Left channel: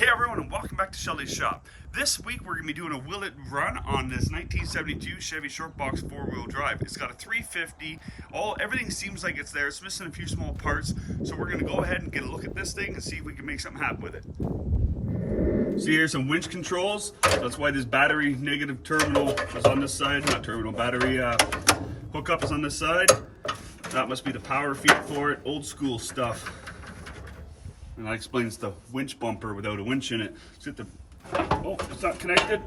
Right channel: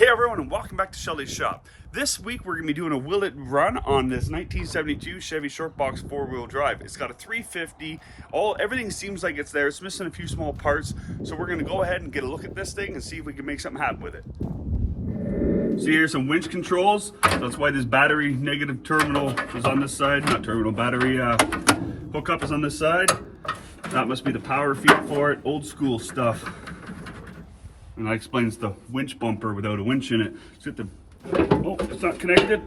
Hey everyone, and welcome back to Shelly's Shop. This week we're going to be doing a will it run on this 1972 Chevy Short Box 4-wheel drive. It's got a 350, everything seems like it's there. It's missing a few small parts, so we're going to go ahead and get a look at this thing and see if we can make something happen with it. So here's some winch controls. That's why this battery negative terminal is on this side. Not terminal, battery hookup is on this side. That must be the power feed for it. Old school stuff. And that explains the winch bumper without a winch in it. Oh, it's not connected.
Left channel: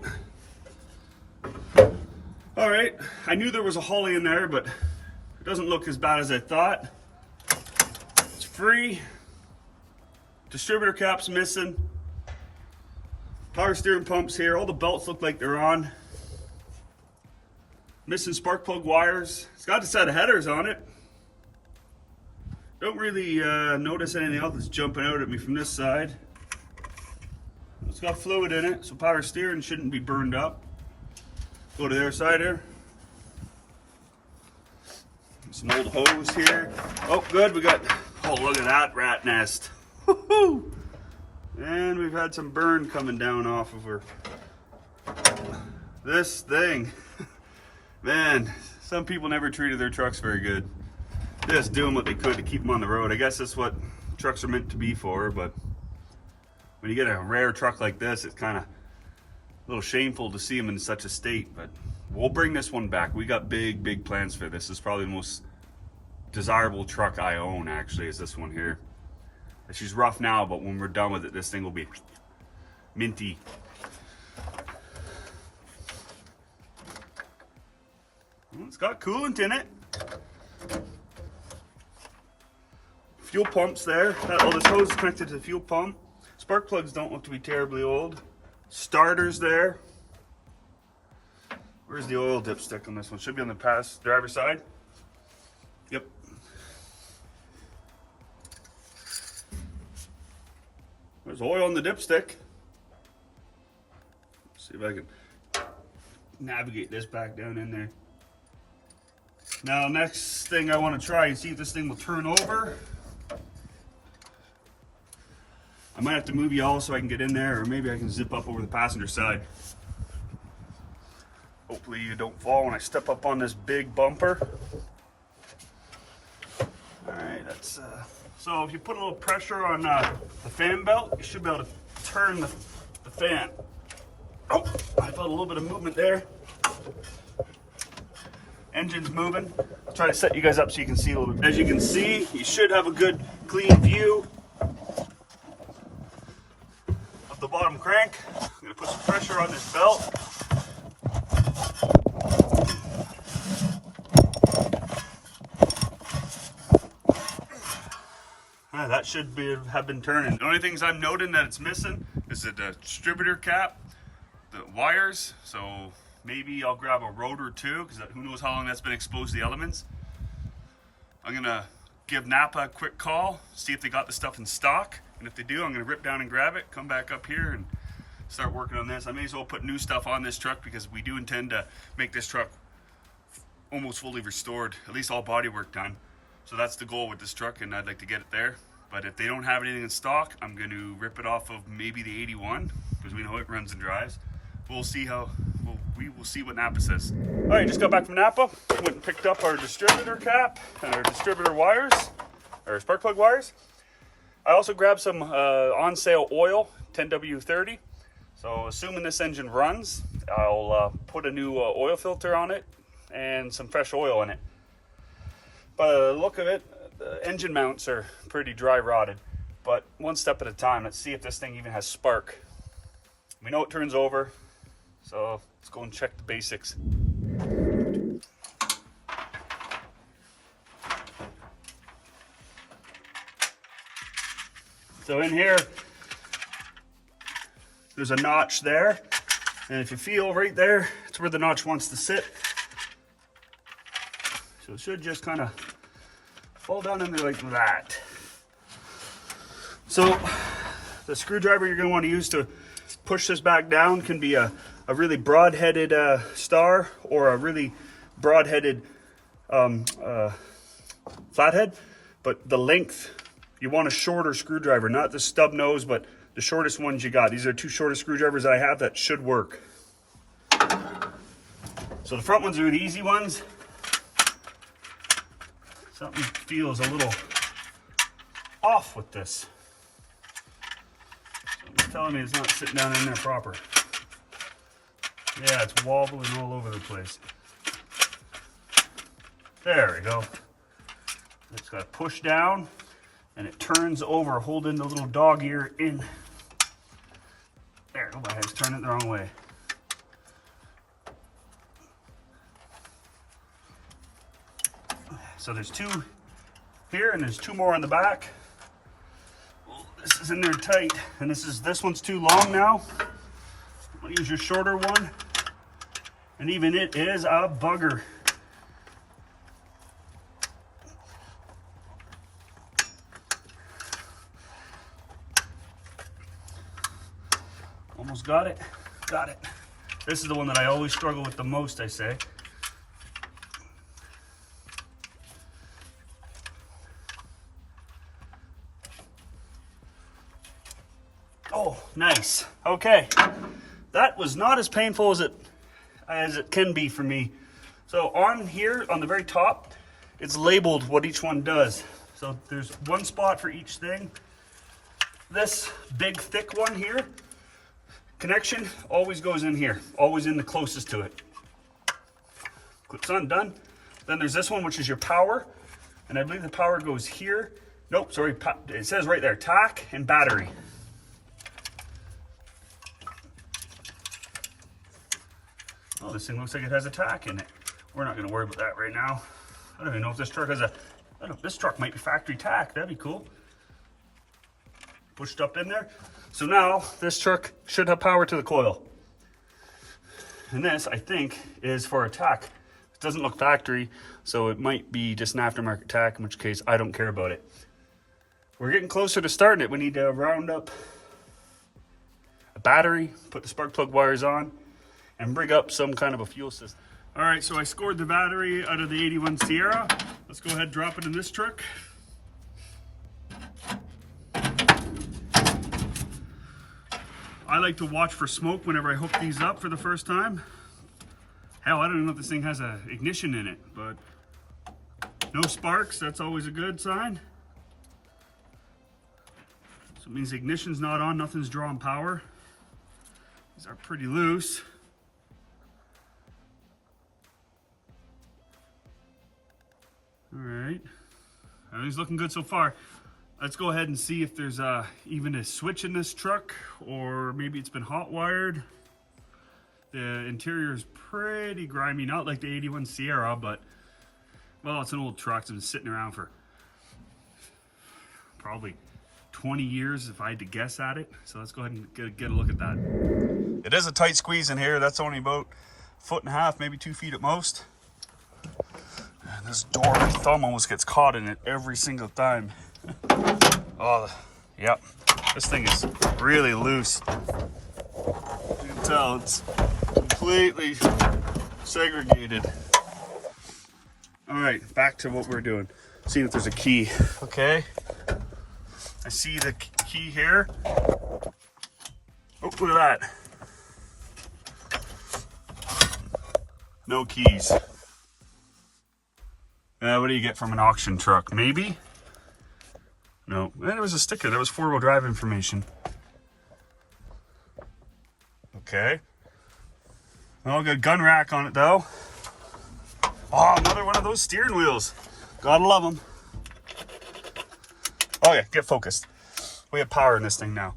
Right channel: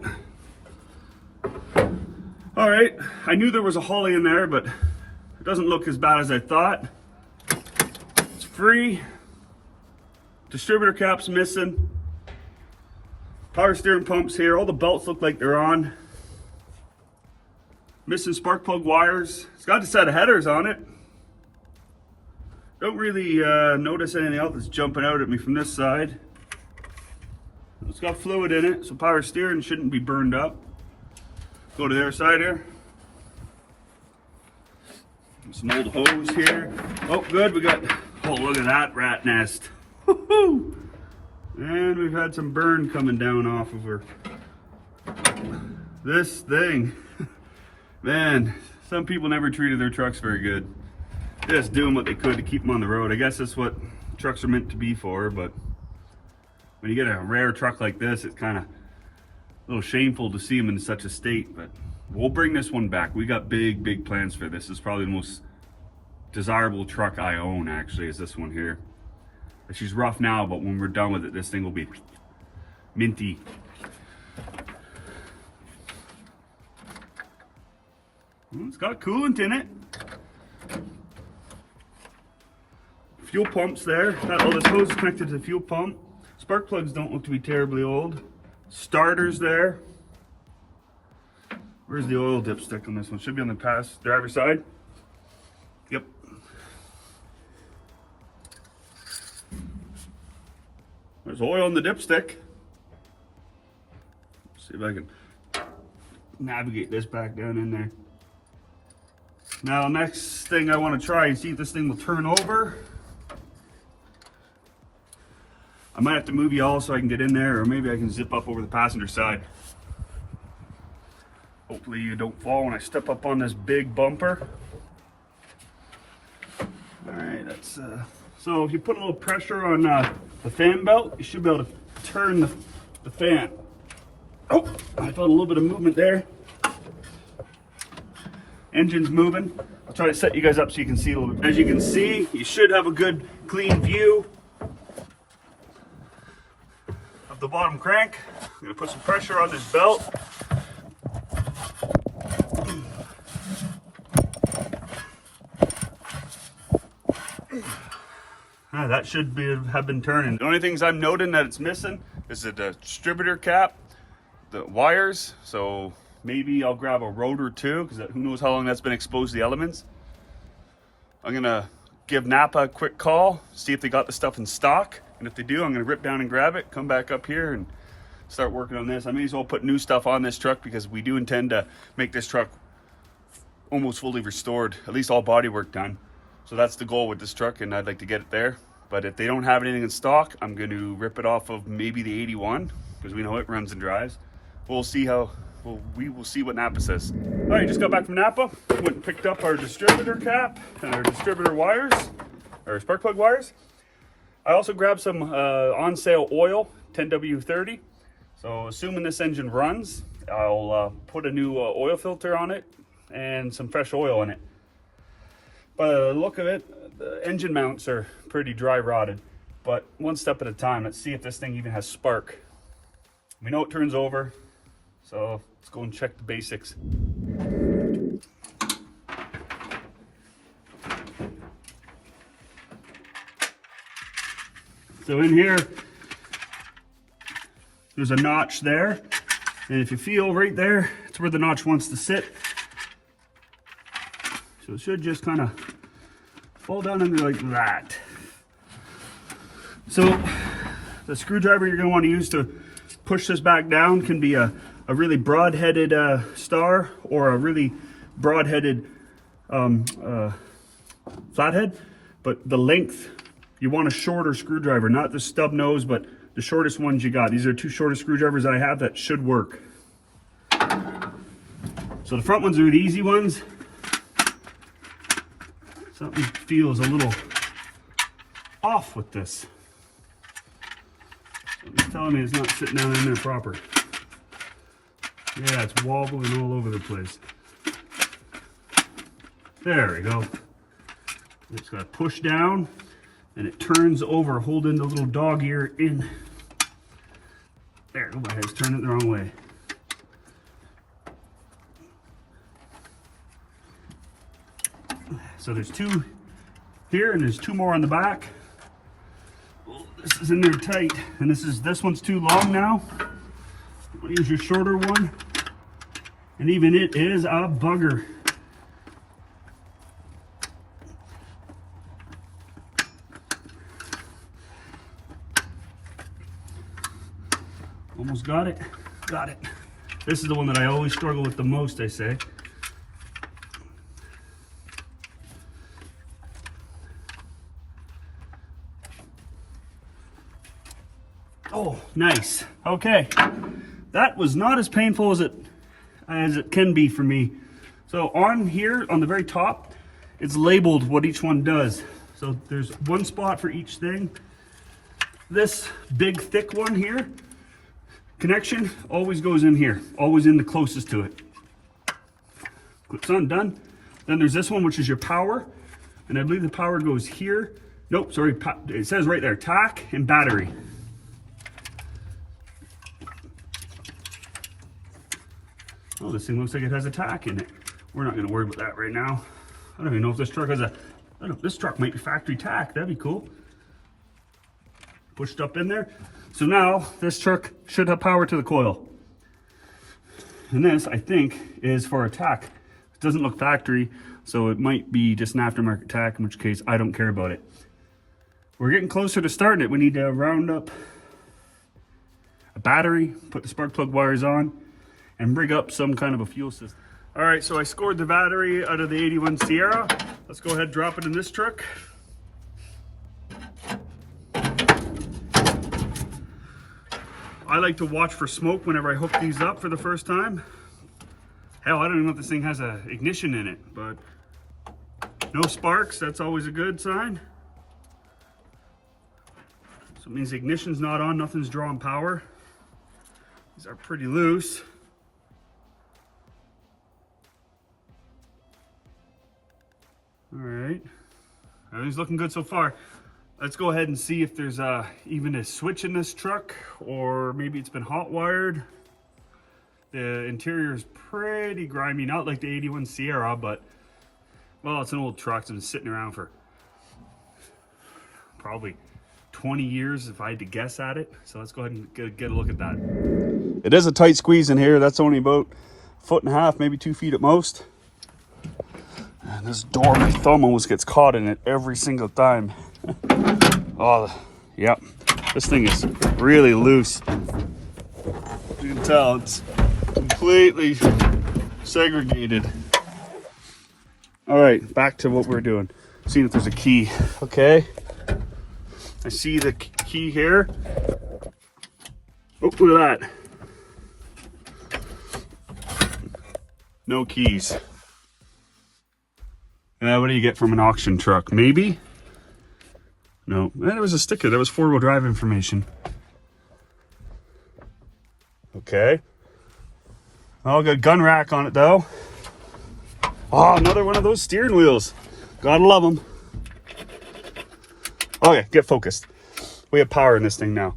All right, I knew there was a Holly in there, but it doesn't look as bad as I thought. It's free. Distributor cap's missing. Power steering pump's here. All the belts look like they're on. Missing spark plug wires. It's got a set of headers on it. Don't really notice anything else that's jumping out at me from this side. It's got fluid in it, so power steering shouldn't be burned up. Go to the other side here. Some old hose here. Oh, good, we got, oh, look at that rat nest. Woohoo! And we've had some burn coming down off of her. This thing. Man, some people never treated their trucks very good. Just doing what they could to keep them on the road. I guess that's what trucks are meant to be for, but when you get a rare truck like this, it's kind of a little shameful to see them in such a state, but we'll bring this one back. We got big plans for this. This is probably the most desirable truck I own, actually, is this one here. She's rough now, but when we're done with it, this thing will be minty. It's got coolant in it. Fuel pumps there. Oh, this hose is connected to the fuel pump. Spark plugs don't look to be terribly old. Starters there. Where's the oil dipstick on this one? Should be on the driver's side. Yep. There's oil on the dipstick. See if I can navigate this back down in there. Now, next thing I want to try and see if this thing will turn over. I might have to move you all so I can get in there, or maybe I can zip up over the passenger side. Hopefully you don't fall when I step up on this big bumper. All right, that's so if you put a little pressure on the fan belt, you should be able to turn the fan. Oh, I felt a little bit of movement there. Engine's moving. I'll try to set you guys up so you can see a little bit. As you can see, you should have a good clean view of the bottom crank. I'm gonna put some pressure on this belt. That should have been turning. The only things I'm noting that it's missing is the distributor cap, the wires. So maybe I'll grab a rotor too, because who knows how long that's been exposed to the elements. I'm gonna give Napa a quick call, see if they got the stuff in stock. And if they do, I'm gonna rip down and grab it, come back up here and start working on this. I may as well put new stuff on this truck because we do intend to make this truck almost fully restored, at least all body work done. So that's the goal with this truck, and I'd like to get it there. But if they don't have anything in stock, I'm going to rip it off of maybe the 81, because we know it runs and drives. We'll see we will see what Napa says. All right, just got back from Napa. Went and picked up our distributor cap and our distributor wires, our spark plug wires. I also grabbed some on sale oil, 10W30. So assuming this engine runs, I'll put a new oil filter on it and some fresh oil in it. By the look of it, the engine mounts are pretty dry rotted, but one step at a time. Let's see if this thing even has spark. We know it turns over, so let's go and check the basics. So in here, there's a notch there, and if you feel right there, it's where the notch wants to sit. So it should just kind of fall down in there like that. So the screwdriver you're going to want to use to push this back down can be a really broad-headed star or a really broad-headed flathead. But the length, you want a shorter screwdriver, not the stub nose, but the shortest ones you got. These are 2 shortest screwdrivers I have that should work. So the front ones are the easy ones. Something feels a little off with this. It's telling me it's not sitting down in there proper. Yeah, it's wobbling all over the place. There we go. It's got to push down and it turns over, holding the little dog ear in. There, oh, my head's turning it the wrong way. So there's 2 here and there's 2 more on the back. Oh, this is in there tight, and this one's too long now. We'll use your shorter one, and even it is a bugger. Almost got it. Got it. This is the one that I always struggle with the most, I say. Oh, nice. Okay. That was not as painful as it can be for me. So on here, on the very top, it's labeled what each one does. So there's 1 spot for each thing. This big thick one here, connection always goes in here, always in the closest to it. Clips on, done. Then there's this one, which is your power, and I believe the power goes here. Nope, sorry, it says right there, tack and battery. Oh, this thing looks like it has a tack in it. We're not going to worry about that right now. I don't even know if this truck has a, I don't know, this truck might be factory tack. That'd be cool. Pushed up in there. So now this truck should have power to the coil. And this, I think, is for a tack. It doesn't look factory, so it might be just an aftermarket tack, in which case I don't care about it. We're getting closer to starting it. We need to round up a battery, put the spark plug wires on, and rig up some kind of a fuel system. All right, so I scored the battery out of the 81 Sierra. Let's go ahead and drop it in this truck. I like to watch for smoke whenever I hook these up for the first time. Hell, I don't even know if this thing has an ignition in it, but no sparks, that's always a good sign. So it means the ignition's not on, nothing's drawing power. These are pretty loose. All right, everything's looking good so far. Let's go ahead and see if there's even a switch in this truck, or maybe it's been hot wired. The interior is pretty grimy, not like the 81 Sierra, but well, it's an old truck. It's been sitting around for probably 20 years if I had to guess at it. So let's go ahead and get a look at that. It is a tight squeeze in here. That's only about 1.5 feet, maybe 2 feet at most. And this door, my thumb almost gets caught in it every single time. Oh, yep. This thing is really loose. You can tell it's completely segregated. All right, back to what we're doing. Seeing if there's a key. Okay. I see the key here. Oh, look at that. No keys. What do you get from an auction truck? Maybe? No. There was a sticker. There was 4-wheel drive information. Okay. Oh, got a gun rack on it though. Oh, another one of those steering wheels. Gotta love them. Okay, get focused. We have power in this thing now.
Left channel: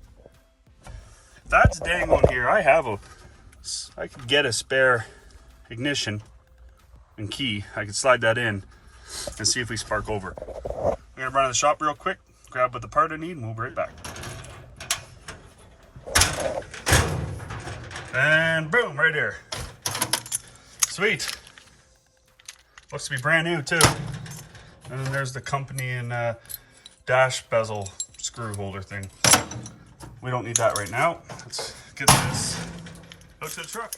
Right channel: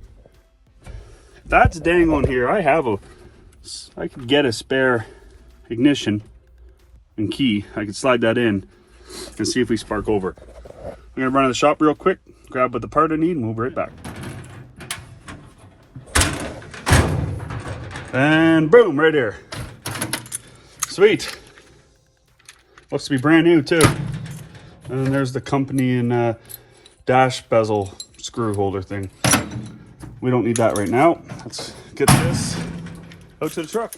That's dangling here. I could get a spare ignition and key. I could slide that in and see if we spark over. I'm gonna run to the shop real quick, grab what the part I need, and we'll be right back. And boom, right here. Sweet. Looks to be brand new too. And then there's the company and dash bezel screw holder thing. We don't need that right now. Let's get this out to the truck.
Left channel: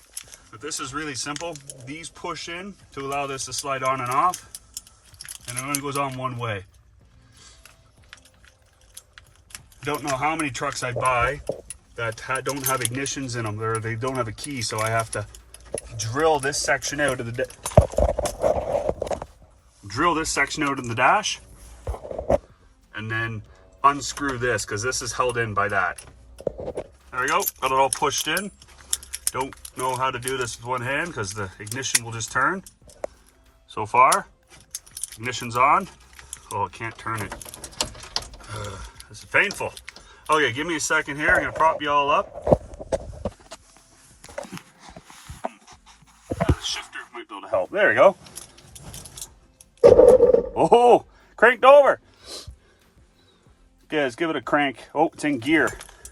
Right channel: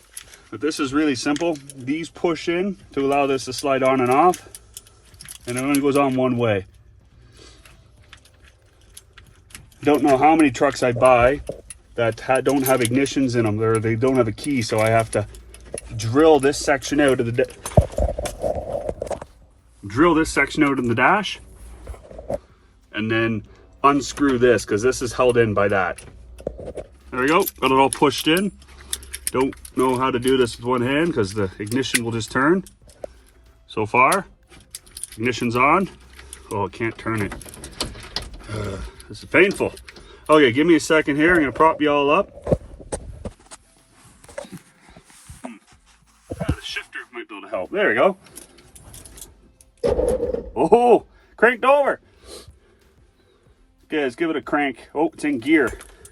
But this is really simple. These push in to allow this to slide on and off. And it only goes on one way. don't know how many trucks I buy that don't have ignitions in them, or they don't have a key, so I have to drill this section out of the dash, and then unscrew this, because this is held in by that. There we go, got it all pushed in. Don't know how to do this with one hand because the ignition will just turn. So far, ignition's on. Oh, I can't turn it. This is painful. Okay, give me a second here. I'm gonna prop you all up. The shifter might be able to help. There we go. Oh, cranked over. Okay, let's give it a crank. Oh, it's in gear.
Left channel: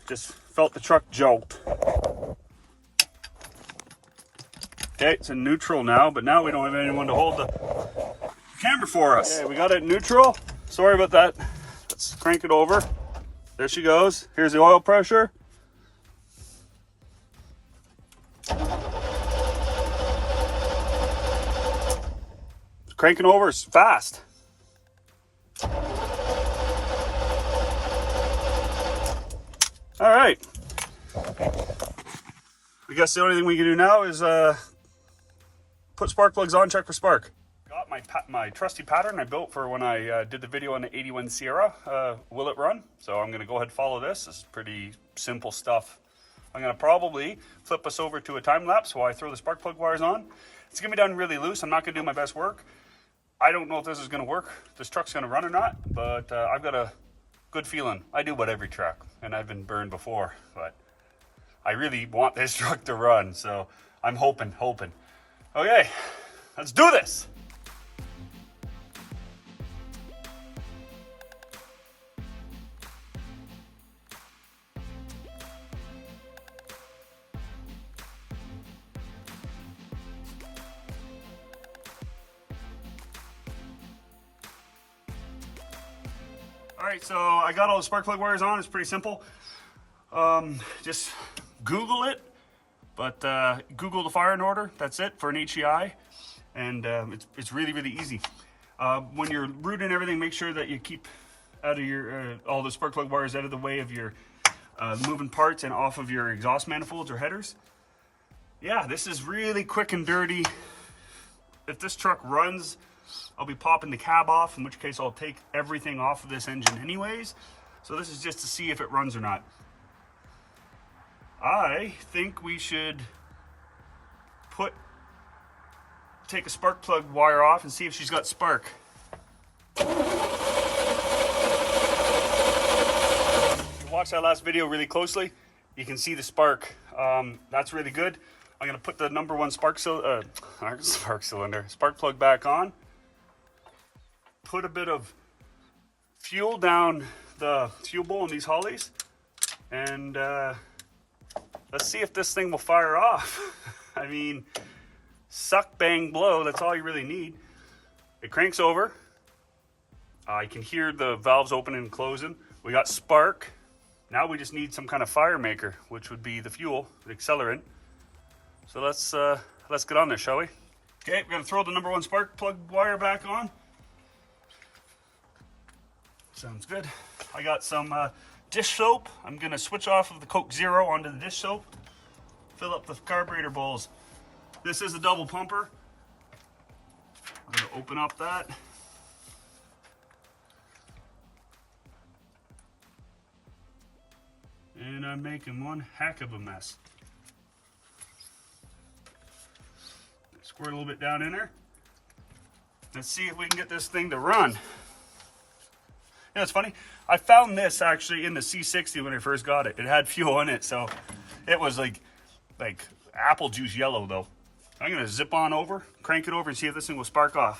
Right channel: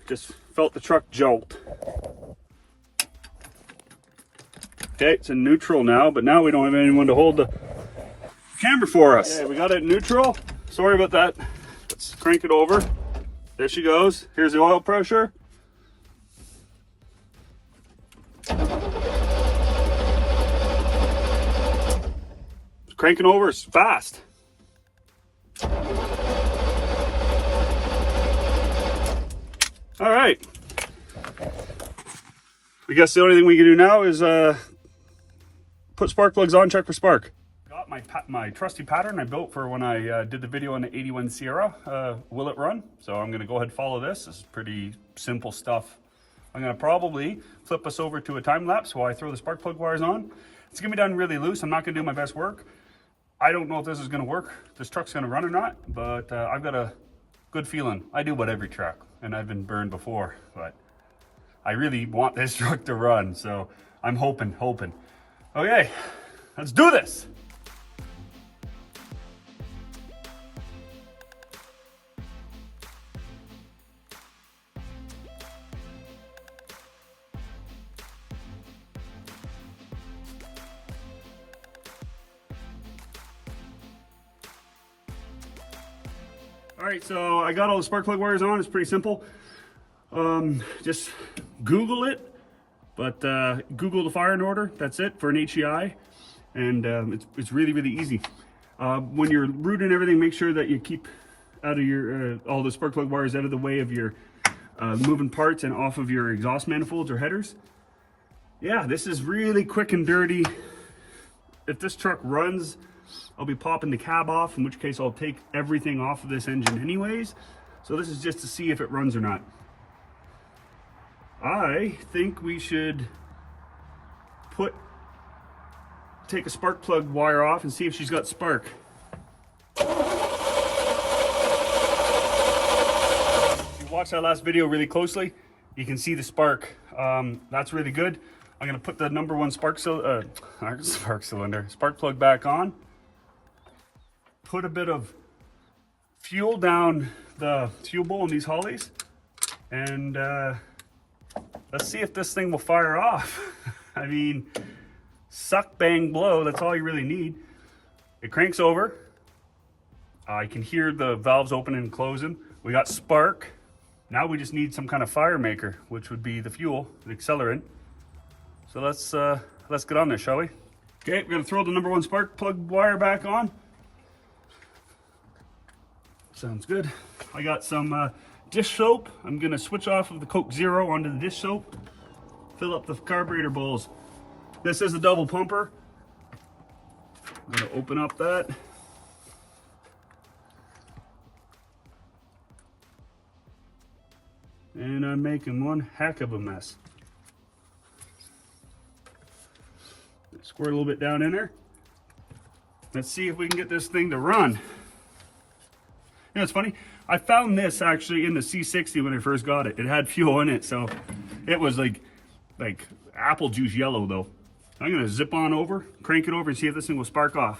Just felt the truck jolt. Okay, it's in neutral now, but now we don't have anyone to hold the camera for us. Okay, we got it in neutral. Sorry about that. Let's crank it over. There she goes. Here's the oil pressure. Cranking over is fast. All right. I guess the only thing we can do now is put spark plugs on, check for spark. Got my trusty pattern I built for when I did the video on the 81 Sierra. Will it run? So I'm gonna go ahead and follow this. This is pretty simple stuff. I'm gonna probably flip us over to a time lapse while I throw the spark plug wires on. It's gonna be done really loose. I'm not gonna do my best work. I don't know if this is gonna work, this truck's gonna run or not, but I've got a good feeling. I do about every truck, and I've been burned before, but I really want this truck to run, so I'm hoping. Okay, let's do this. All right, so I got all the spark plug wires on. It's pretty simple. Just Google it, but Google the firing order. That's it for an HEI, and it's really easy. When you're routing everything, make sure that you keep out of your all the spark plug wires out of the way of your moving parts and off of your exhaust manifolds or headers. Yeah, this is really quick and dirty. If this truck runs, I'll be popping the cab off, in which case I'll take everything off of this engine anyways. So this is just to see if it runs or not. I think we should take a spark plug wire off and see if she's got spark. Watch that last video really closely. You can see the spark. That's really good. I'm gonna put the number one spark plug back on. Put a bit of fuel down the fuel bowl in these hollies, and let's see if this thing will fire off. I mean, suck, bang, blow, that's all you really need. It cranks over. I can hear the valves opening and closing. We got spark. Now we just need some kind of fire maker, which would be the fuel, the accelerant. So let's get on there, shall we? Okay, we're gonna throw the number one spark plug wire back on. Sounds good. I got some dish soap. I'm gonna switch off of the Coke Zero onto the dish soap. Fill up the carburetor bowls. This is a double pumper. I'm gonna open up that. And I'm making one heck of a mess. Squirt a little bit down in there. Let's see if we can get this thing to run. You know, it's funny. I found this actually in the C60 when I first got it. It had fuel in it, so it was like apple juice yellow though. I'm gonna zip on over, crank it over, and see if this thing will spark off.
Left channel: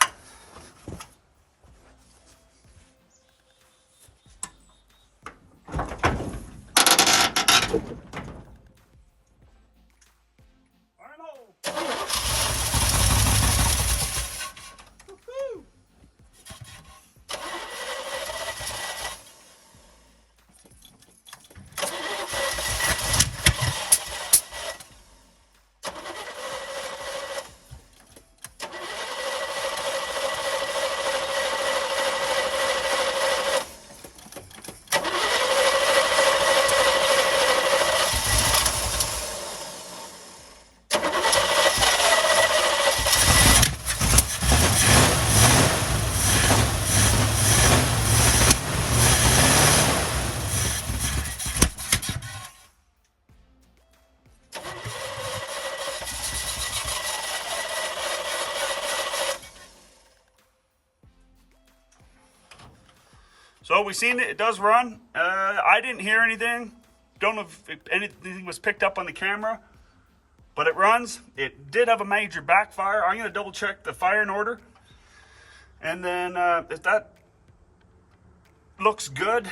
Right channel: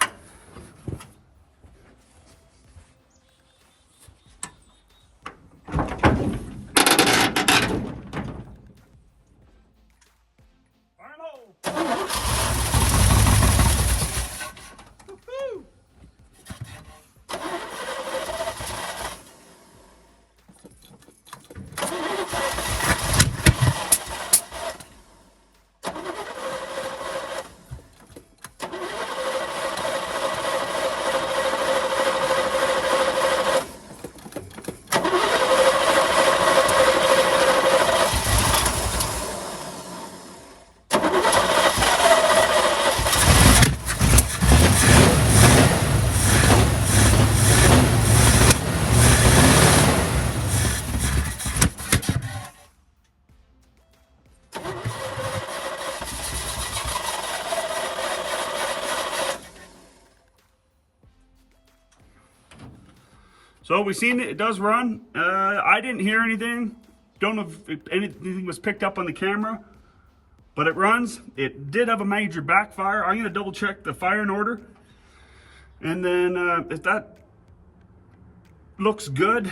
So we've seen it does run. I didn't hear anything. Don't know if anything was picked up on the camera, but it runs. It did have a major backfire. I'm gonna double check the firing order. And then if that looks good,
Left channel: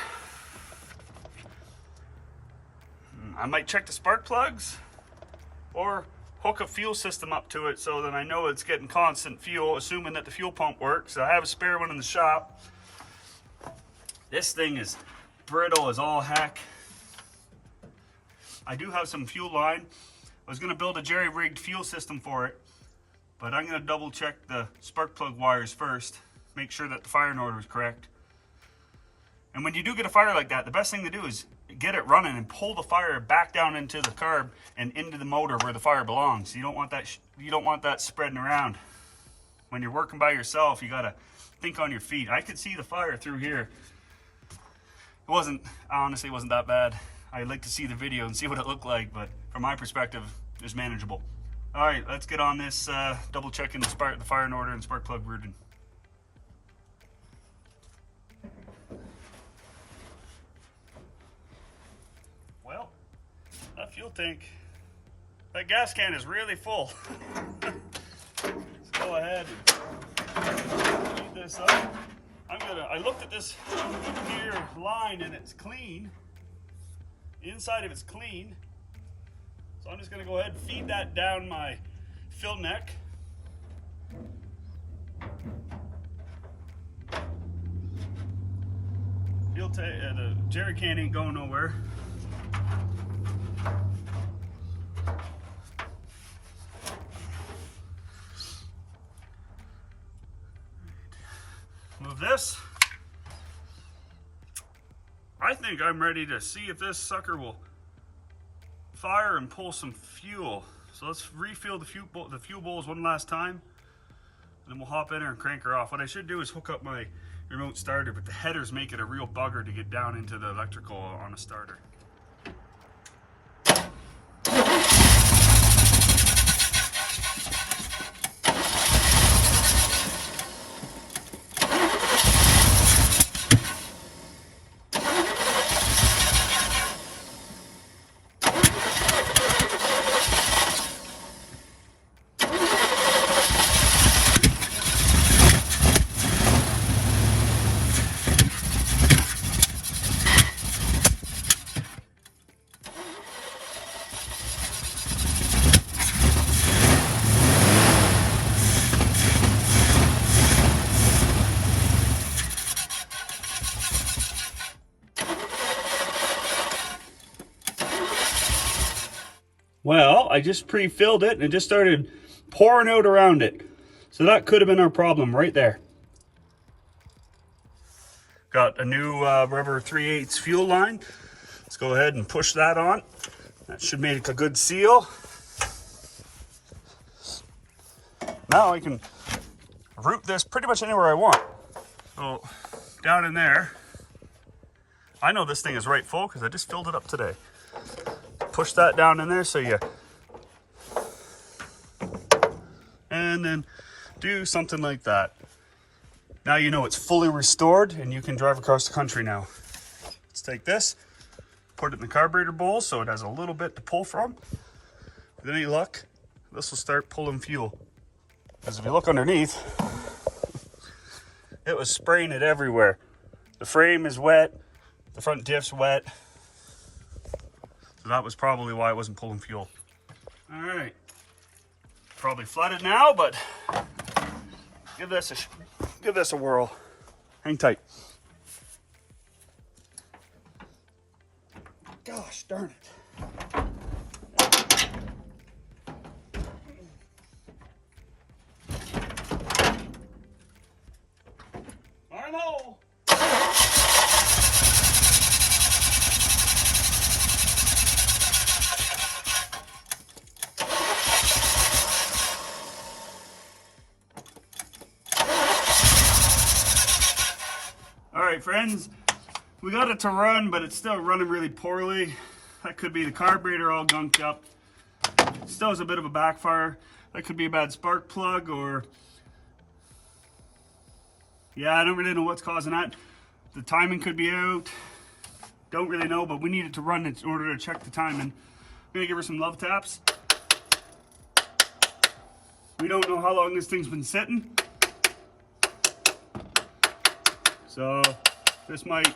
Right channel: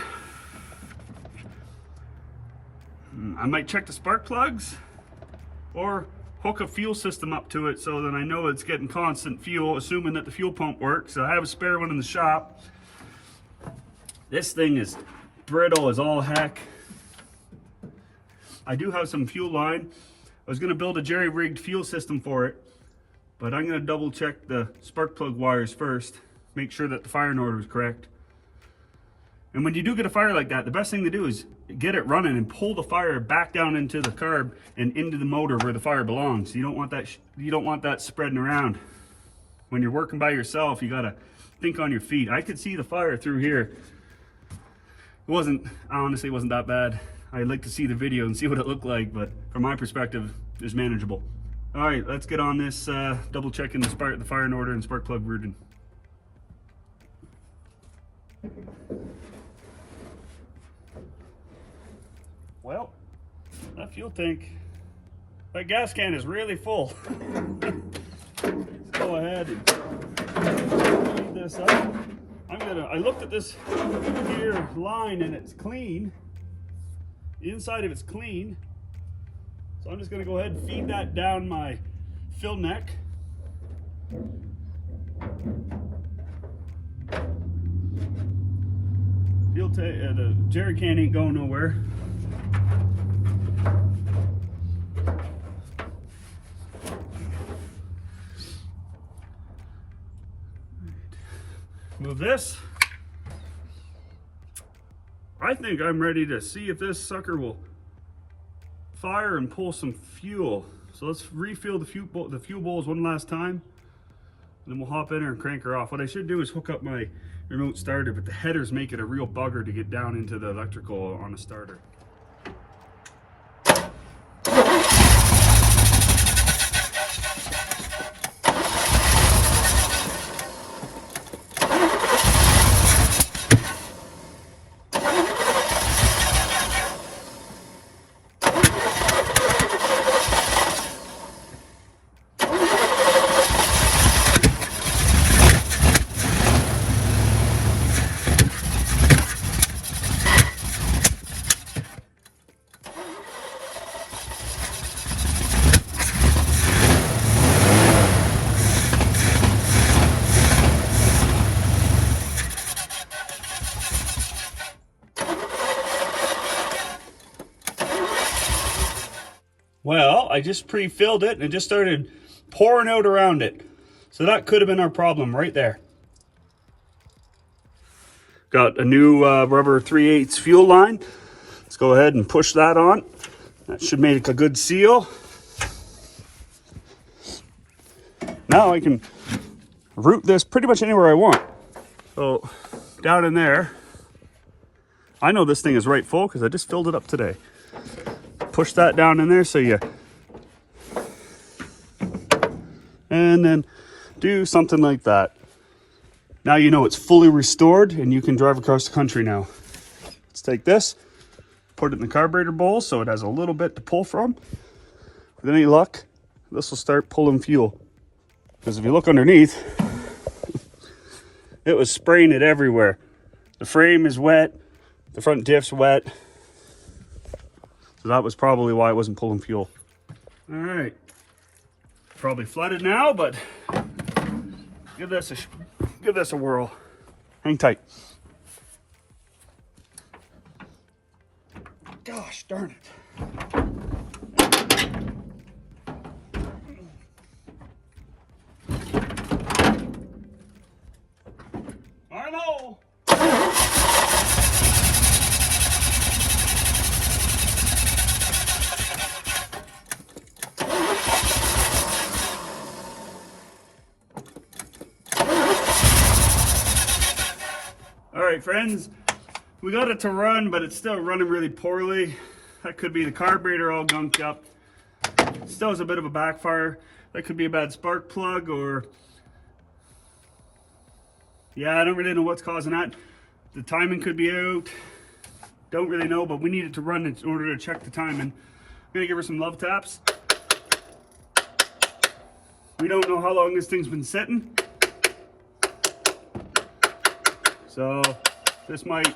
I might check the spark plugs or hook a fuel system up to it so that I know it's getting constant fuel, assuming that the fuel pump works. I have a spare one in the shop. This thing is brittle as all heck. I do have some fuel line. I was gonna build a jerry-rigged fuel system for it, but I'm gonna double check the spark plug wires first, make sure that the firing order is correct. And when you do get a fire like that, the best thing to do is get it running and pull the fire back down into the carb and into the motor where the fire belongs. You don't want that spreading around. When you're working by yourself, you gotta think on your feet. I could see the fire through here. Honestly, it wasn't that bad. I'd like to see the video and see what it looked like, but from my perspective, it was manageable. All right, let's get on this, double checking the firing order and spark plug routing. Well, that fuel tank, that gas can is really full. Let's go ahead and speed this up. I looked at this here line and it's clean. The inside of it's clean. So I'm just gonna go ahead and feed that down my fill neck. The jerry can ain't going nowhere. Move this. I think I'm ready to see if this sucker will fire and pull some fuel. So let's refill the fuel bowls one last time, and then we'll hop in there and crank her off. What I should do is hook up my remote starter, but the headers make it a real bugger to get down into the electrical on a starter. Well, I just pre-filled it and it just started pouring out around it. So that could have been our problem right there. Got a new rubber 3/8 fuel line. Let's go ahead and push that on. That should make a good seal. Now I can route this pretty much anywhere I want. So down in there, I know this thing is right full because I just filled it up today. Push that down in there so you, and then do something like that. Now you know it's fully restored and you can drive across the country now. Let's take this, put it in the carburetor bowl so it has a little bit to pull from. With any luck, this will start pulling fuel. Because if you look underneath, it was spraying it everywhere. The frame is wet, the front diff's wet. So that was probably why it wasn't pulling fuel. All right, probably flooded now, but give this a whirl. Hang tight. Gosh darn it. Arnold! All right, friends, we got it to run, but it's still running really poorly. That could be the carburetor all gunked up. Still has a bit of a backfire. That could be a bad spark plug, or yeah, I don't really know what's causing that. The timing could be out. Don't really know, but we need it to run in order to check the timing. I'm gonna give her some love taps. We don't know how long this thing's been sitting. So this might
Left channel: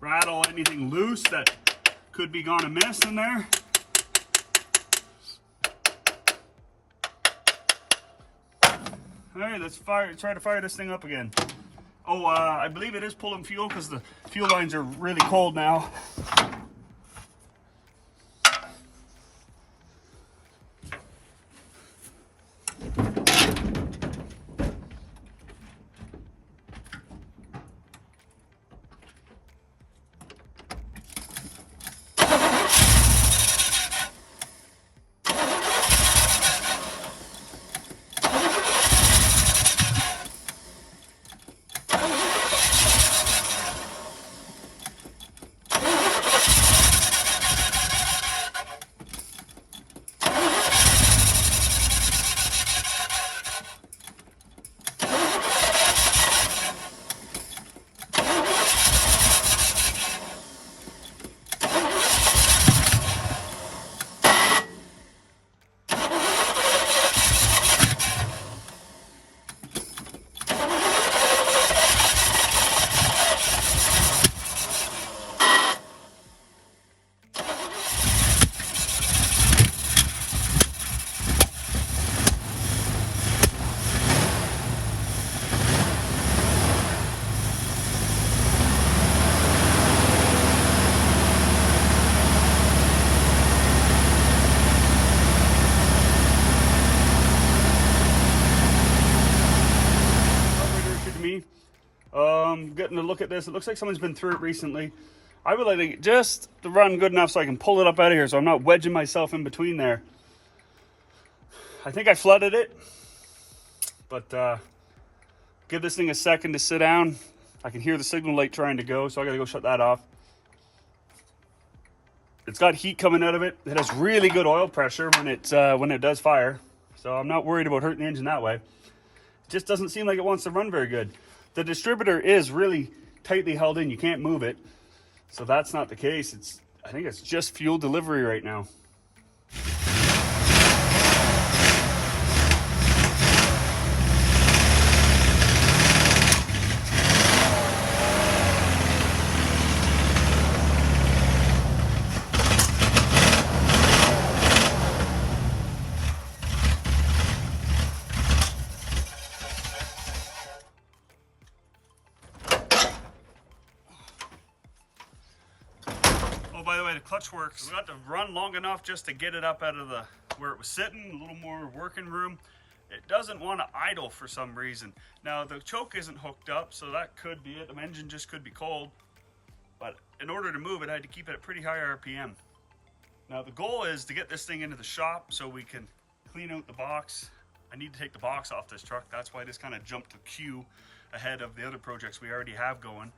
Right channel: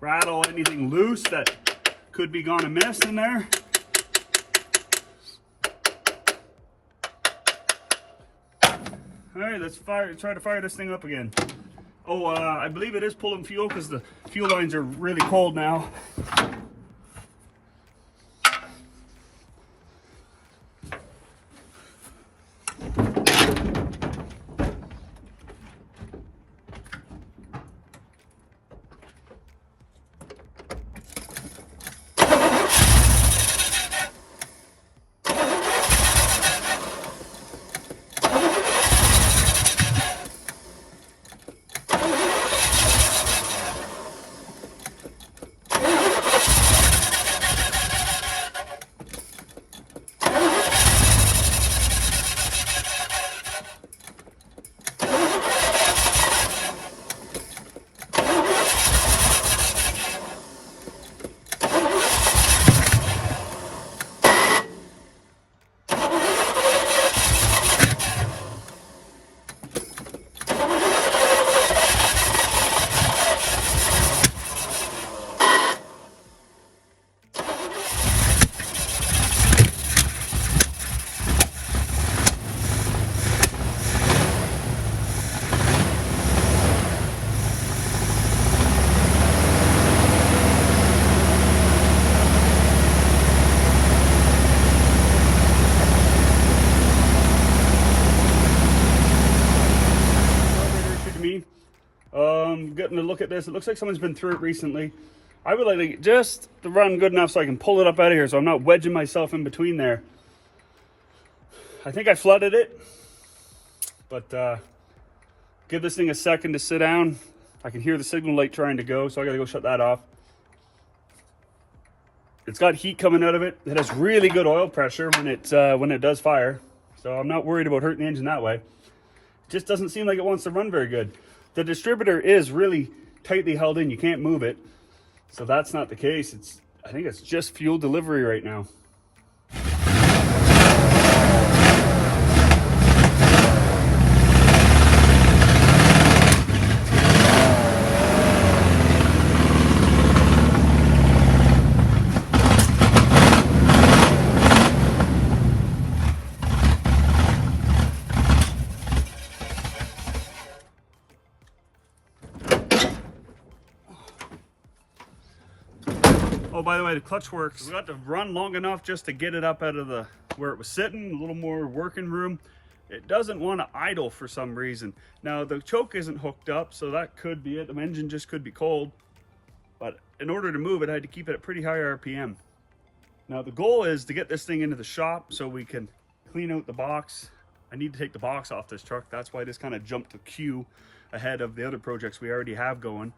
rattle anything loose that could be gone amiss in there. All right, let's try to fire this thing up again. Oh, I believe it is pulling fuel because the fuel lines are really cold now. Getting a look at this, it looks like someone's been through it recently. I would like it just to run good enough so I can pull it up out of here so I'm not wedging myself in between there. I think I flooded it, but give this thing a second to sit down. I can hear the signal light trying to go, so I gotta go shut that off. It's got heat coming out of it. It has really good oil pressure when it does fire, so I'm not worried about hurting the engine that way. It just doesn't seem like it wants to run very good. The distributor is really tightly held in. You can't move it. So that's not the case. I think it's just fuel delivery right now. Oh, by the way, the clutch works. We got to run long enough just to get it up out of where it was sitting, a little more working room. It doesn't want to idle for some reason. Now, the choke isn't hooked up, so that could be it. The engine just could be cold. But in order to move it, I had to keep it at pretty high RPM. Now, the goal is to get this thing into the shop so we can clean out the box. I need to take the box off this truck. That's why this kind of jumped to queue ahead of the other projects we already have going.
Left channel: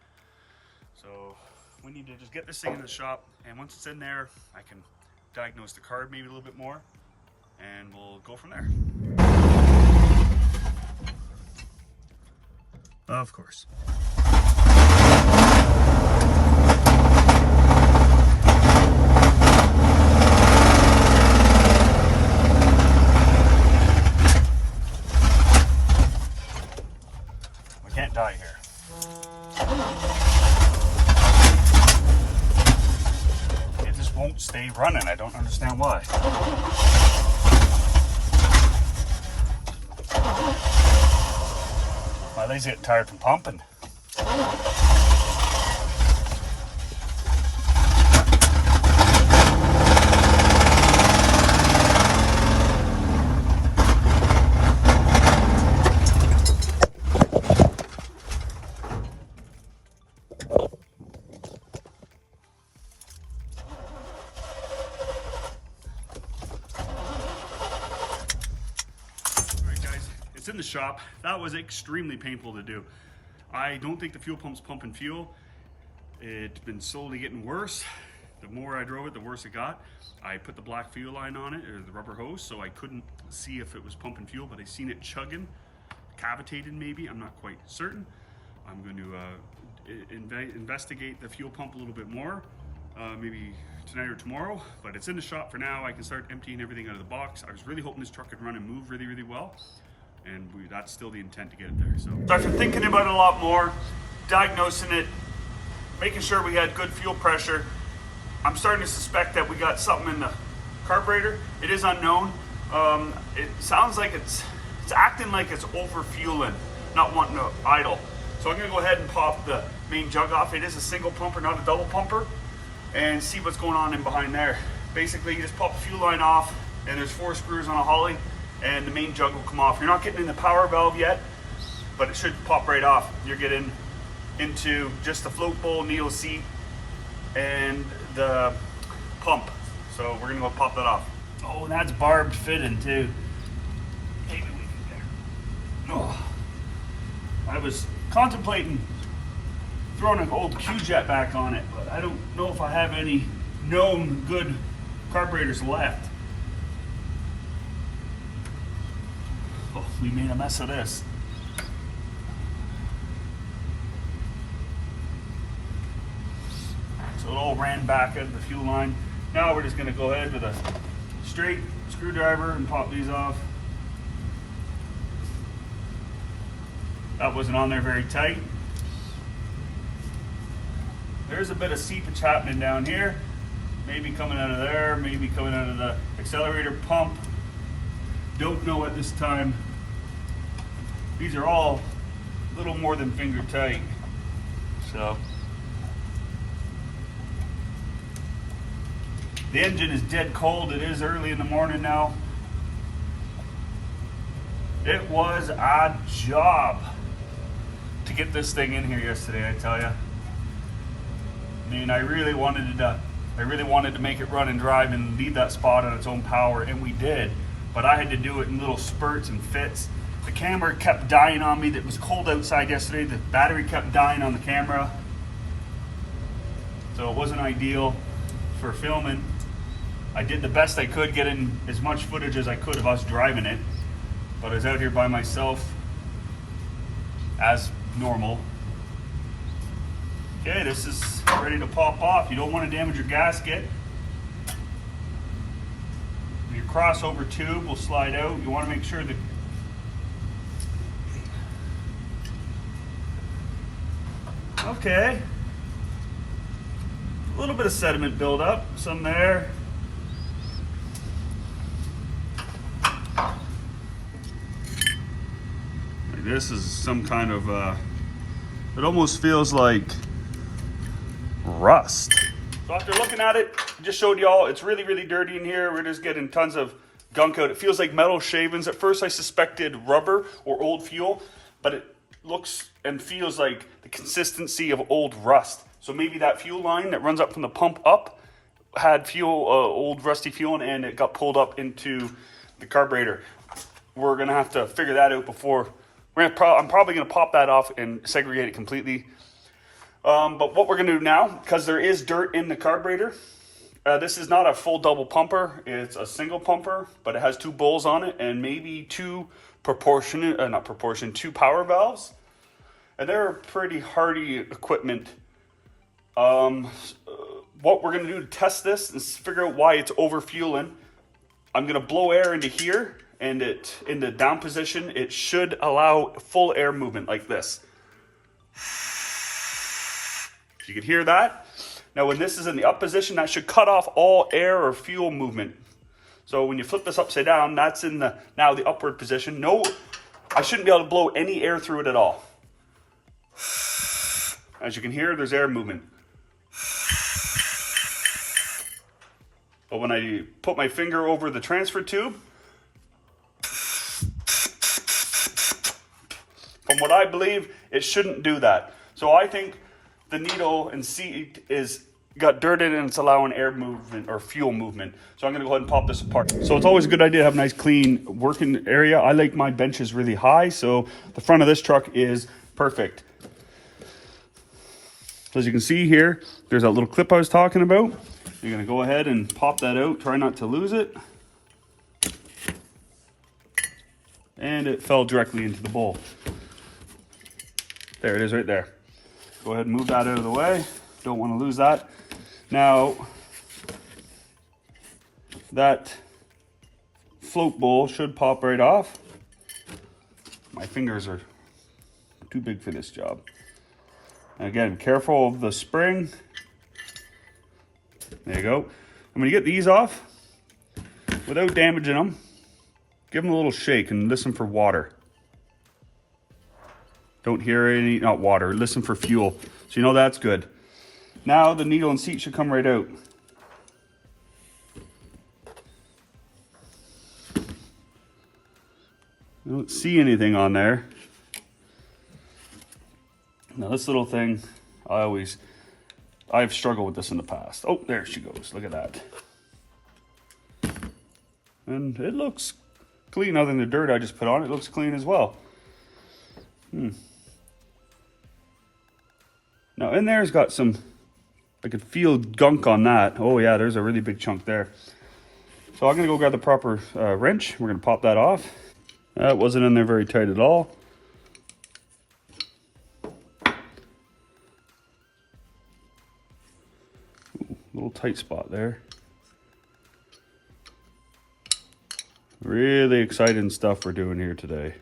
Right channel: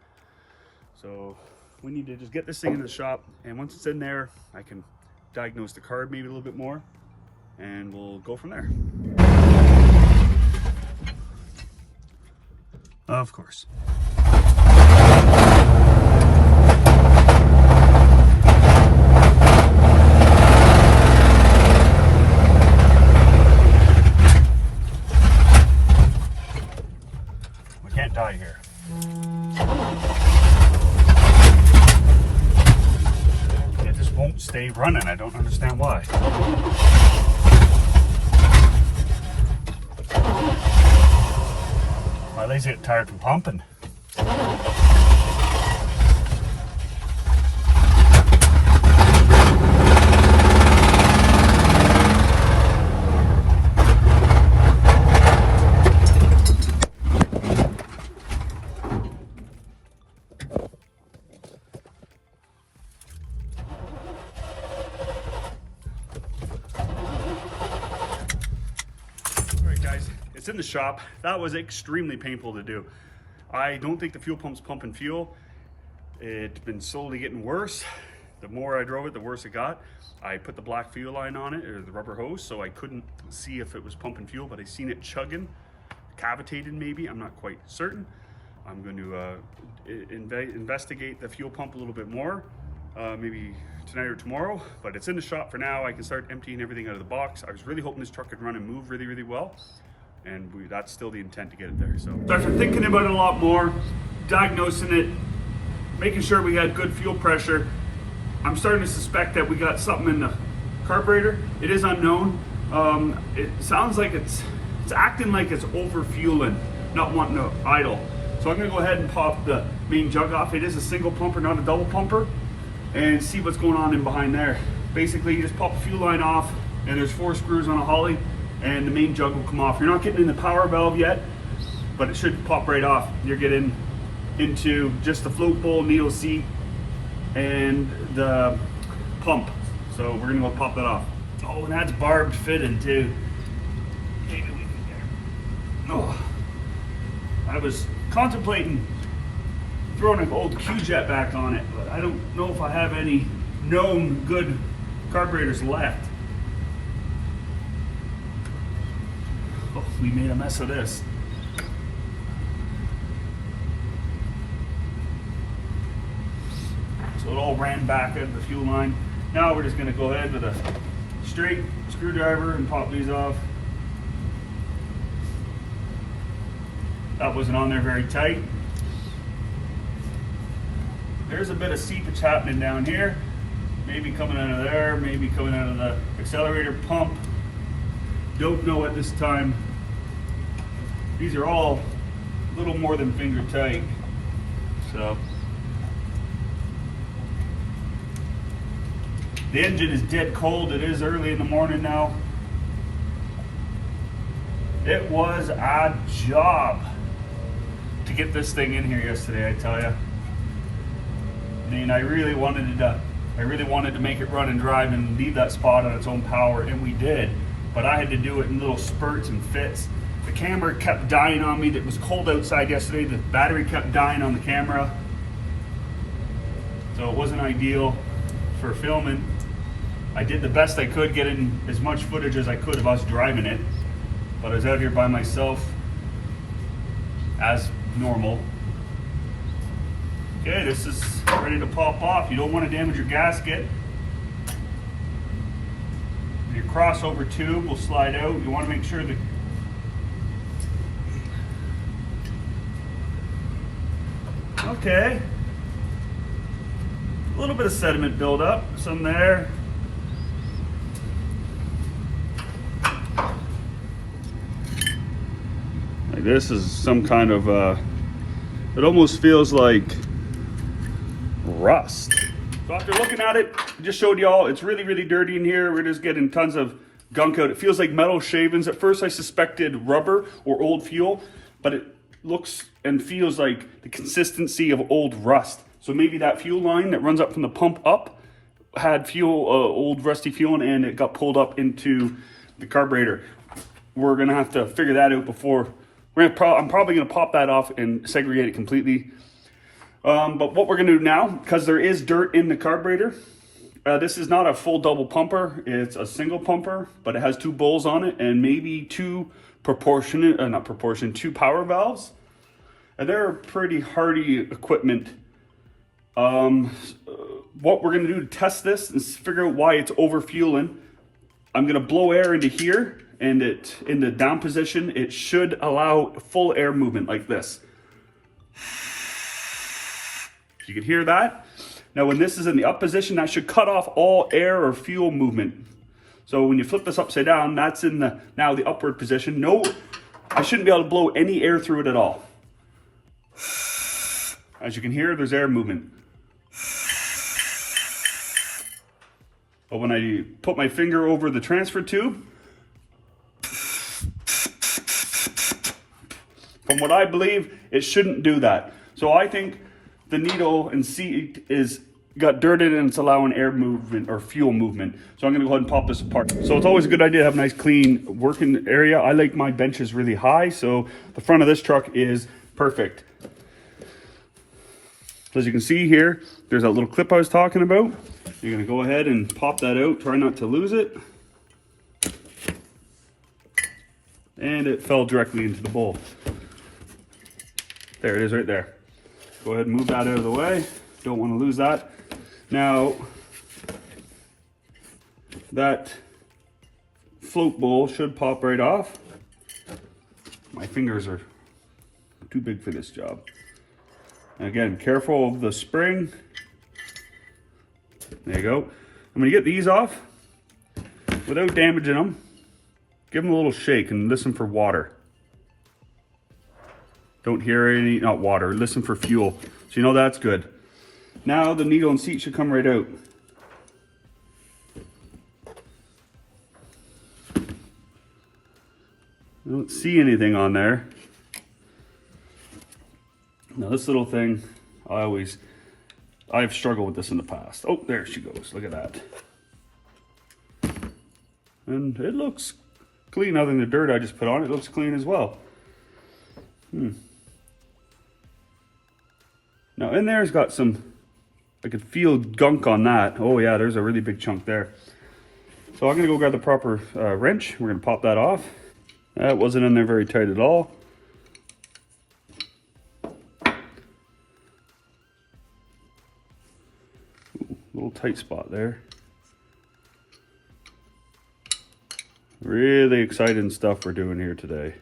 So we need to just get this thing into the shop, and once it's in there, I can diagnose the carb maybe a little bit more, and we'll go from there. Of course. We can't die here. Won't stay running. I don't understand why. My legs get tired from pumping. It's in the shop. That was extremely painful to do. I don't think the fuel pump's pumping fuel. It's been slowly getting worse. The more I drove it, the worse it got. I put the black fuel line on it, or the rubber hose, so I couldn't see if it was pumping fuel, but I seen it chugging, cavitated maybe, I'm not quite certain. I'm going to investigate the fuel pump a little bit more, maybe tonight or tomorrow, but it's in the shop for now. I can start emptying everything out of the box. I was really hoping this truck could run and move really, really well, and that's still the intent to get it there. So after thinking about it a lot more, diagnosing it, making sure we had good fuel pressure, I'm starting to suspect that we got something in the carburetor. It is unknown. It sounds like it's acting like it's over fueling, not wanting to idle. So I'm gonna go ahead and pop the main jug off. It is a single pumper, not a double pumper, and see what's going on in behind there. Basically, you just pop the fuel line off, and there's 4 screws on a holly, and the main jug will come off. You're not getting in the power valve yet, but it should pop right off. You're getting into just the float bowl, needle seat, and the pump. So we're gonna go pop that off. Oh, and that's barbed fitting too. Oh, I was contemplating throwing an old Q-Jet back on it, but I don't know if I have any known good carburetors left. Oh, we made a mess of this. So it all ran back out of the fuel line. Now we're just gonna go ahead with a straight screwdriver and pop these off. That wasn't on there very tight. There's a bit of seepage happening down here. Maybe coming out of there, maybe coming out of the accelerator pump. Don't know at this time. These are all a little more than finger tight. So the engine is dead cold. It is early in the morning now. It was a job to get this thing in here yesterday, I tell you. I mean, I really wanted to make it run and drive and leave that spot on its own power, and we did. But I had to do it in little spurts and fits. The camera kept dying on me. It was cold outside yesterday. The battery kept dying on the camera. So it wasn't ideal for filming. I did the best I could, getting as much footage as I could of us driving it. But I was out here by myself, as normal. Okay, this is ready to pop off. You don't want to damage your gasket. Your crossover tube will slide out. You want to make sure that okay. A little bit of sediment buildup, some there. Like this is some kind of it almost feels like rust. So after looking at it, I just showed y'all it's really, really dirty in here. We're just getting tons of gunk out. It feels like metal shavings. At first I suspected rubber or old fuel, but it looks and feels like the consistency of old rust. So maybe that fuel line that runs up from the pump up had fuel, old rusty fuel, and it got pulled up into the carburetor. We're gonna have to figure that out before. I'm probably gonna pop that off and segregate it completely. But what we're gonna do now, because there is dirt in the carburetor, this is not a full double pumper, it's a single pumper, but it has 2 bowls on it and maybe 2 2 power valves. And they're pretty hardy equipment. What we're gonna do to test this is figure out why it's over fueling. I'm gonna blow air into here, and it in the down position, it should allow full air movement like this. You can hear that. Now when this is in the up position, that should cut off all air or fuel movement. So when you flip this upside down, that's in the now the upward position. No, I shouldn't be able to blow any air through it at all. As you can hear, there's air movement. But when I put my finger over the transfer tube, from what I believe, it shouldn't do that. So I think the needle and seat is got dirt in it and it's allowing air movement or fuel movement. So I'm gonna go ahead and pop this apart. So it's always a good idea to have a nice clean working area. I like my benches really high, so the front of this truck is perfect. So as you can see here, there's that little clip I was talking about. You're gonna go ahead and pop that out, try not to lose it. And it fell directly into the bowl. There it is right there. Go ahead and move that out of the way. Don't want to lose that. Now, that float bowl should pop right off. My fingers are too big for this job. And again, careful of the spring. There you go. I'm gonna get these off without damaging them. Give them a little shake and listen for water. Don't hear any, not water, listen for fuel. So you know that's good. Now the needle and seat should come right out. I don't see anything on there. Now this little thing, I've struggled with this in the past. Oh, there she goes, look at that. And it looks clean, other than the dirt I just put on, it looks clean as well. Now in there's got some, I could feel gunk on that. Oh yeah, there's a really big chunk there. So I'm gonna go grab the proper wrench. We're gonna pop that off. That wasn't in there very tight at all. Ooh, little tight spot there. Really exciting stuff we're doing here today.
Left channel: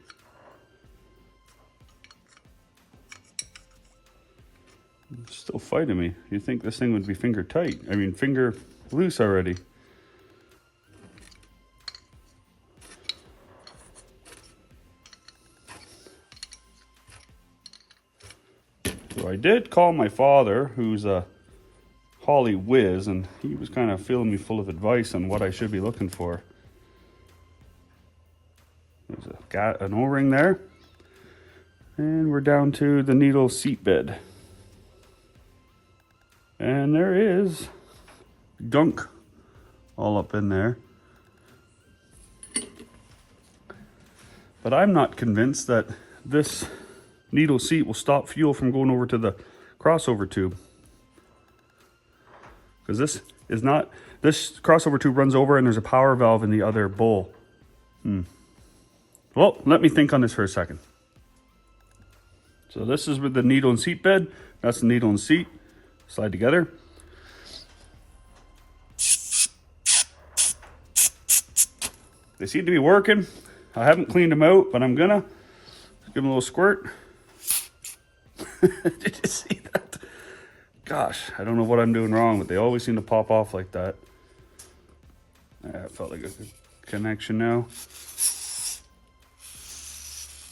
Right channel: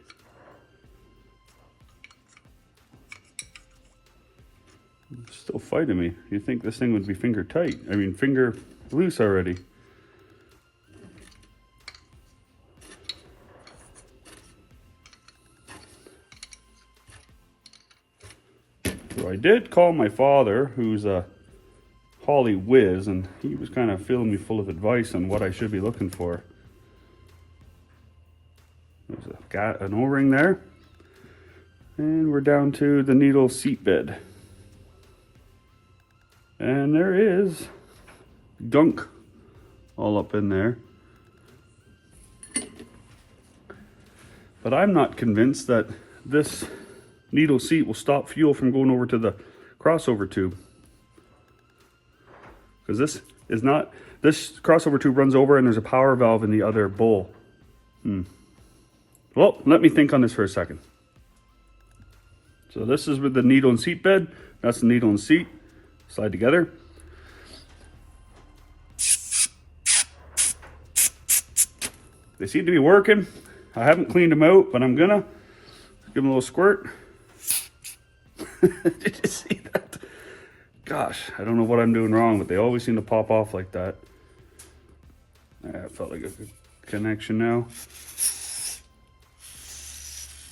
It's still fighting me. You'd think this thing would be finger tight. I mean, finger loose already. So I did call my father, who's a Holly whiz, and he was kind of filling me full of advice on what I should be looking for. There's an O-ring there. And we're down to the needle seat bed. And there is gunk all up in there. But I'm not convinced that this needle seat will stop fuel from going over to the crossover tube. Because this crossover tube runs over and there's a power valve in the other bowl. Well, let me think on this for a second. So this is with the needle and seat bed. That's the needle and seat. Slide together. They seem to be working. I haven't cleaned them out, but I'm gonna give them a little squirt. Did you see that? Gosh, I don't know what I'm doing wrong, but they always seem to pop off like that. That felt like a good connection now.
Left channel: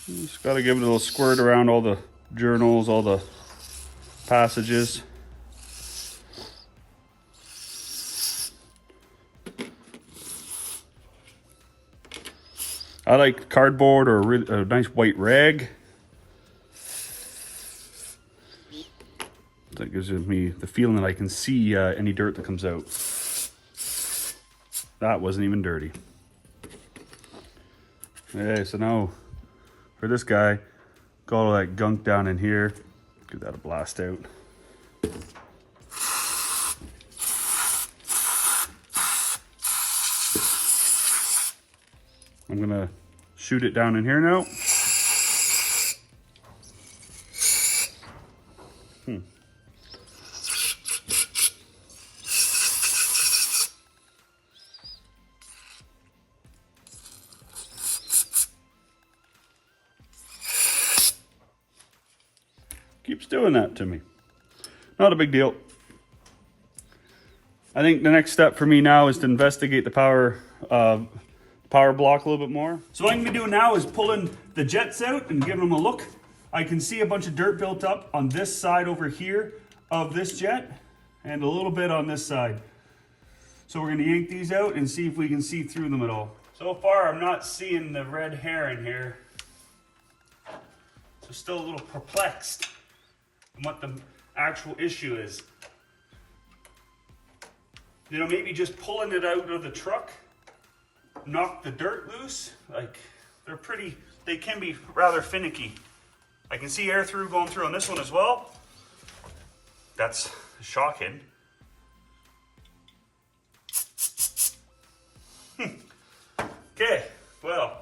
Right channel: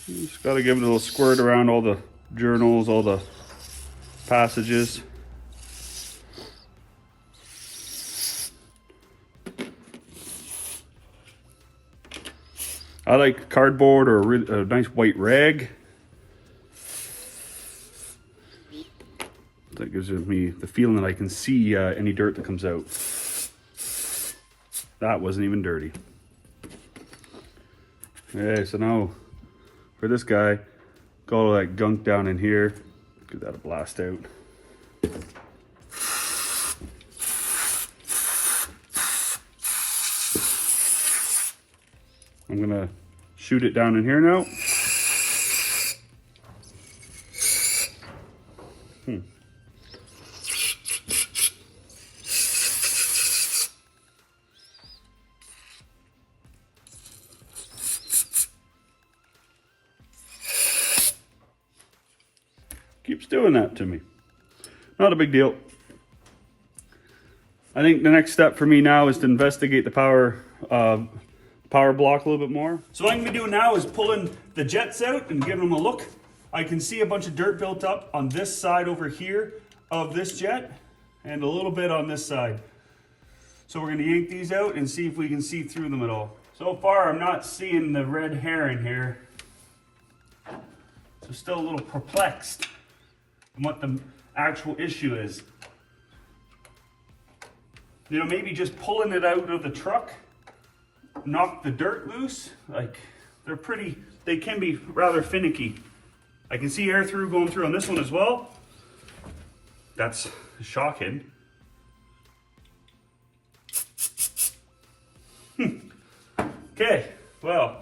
Just gotta give it a little squirt around all the journals, all the passages. I like cardboard or a nice white rag. That gives me the feeling that I can see any dirt that comes out. That wasn't even dirty. Okay, so now for this guy, got all that gunk down in here. Give that a blast out. I'm gonna shoot it down in here now. Keeps doing that to me. Not a big deal. I think the next step for me now is to investigate the power block a little bit more. So what I'm gonna be doing now is pulling the jets out and giving them a look. I can see a bunch of dirt built up on this side over here of this jet and a little bit on this side. So we're gonna yank these out and see if we can see through them at all. So far I'm not seeing the red hair in here. So still a little perplexed on what the actual issue is. You know, maybe just pulling it out of the truck knock the dirt loose. Like, they can be rather finicky. I can see air going through on this one as well. That's shocking. Okay, well,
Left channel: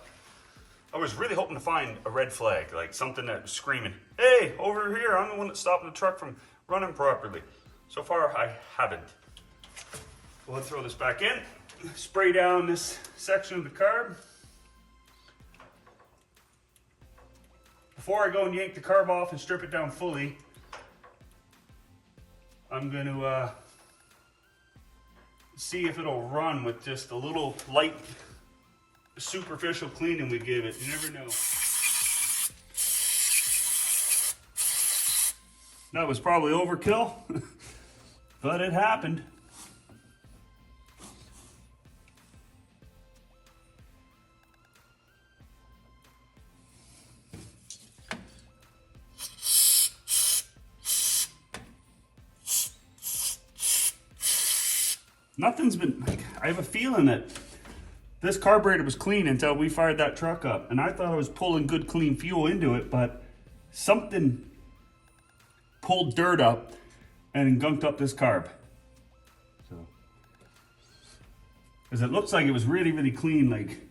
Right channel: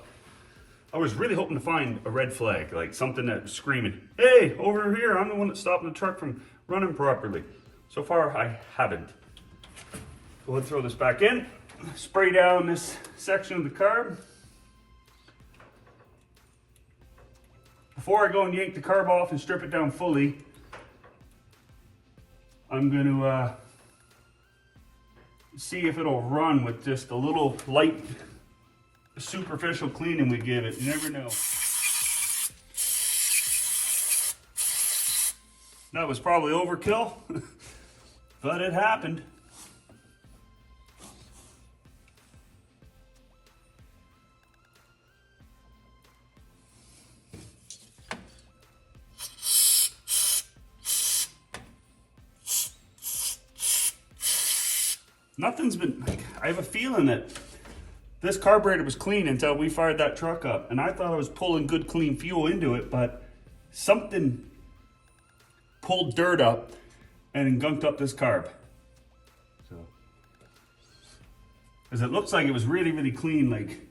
I was really hoping to find a red flag, like something that was screaming, hey, over here, I'm the one that's stopping the truck from running properly. So far, I haven't. Go ahead and throw this back in. Spray down this section of the carb. Before I go and yank the carb off and strip it down fully, I'm going to see if it'll run with just a little light superficial cleaning we give it. You never know. That was probably overkill, but it happened. Nothing's been, I have a feeling that this carburetor was clean until we fired that truck up. And I thought I was pulling good clean fuel into it, but something pulled dirt up and gunked up this carb. So, because it looks like it was really, really clean. Like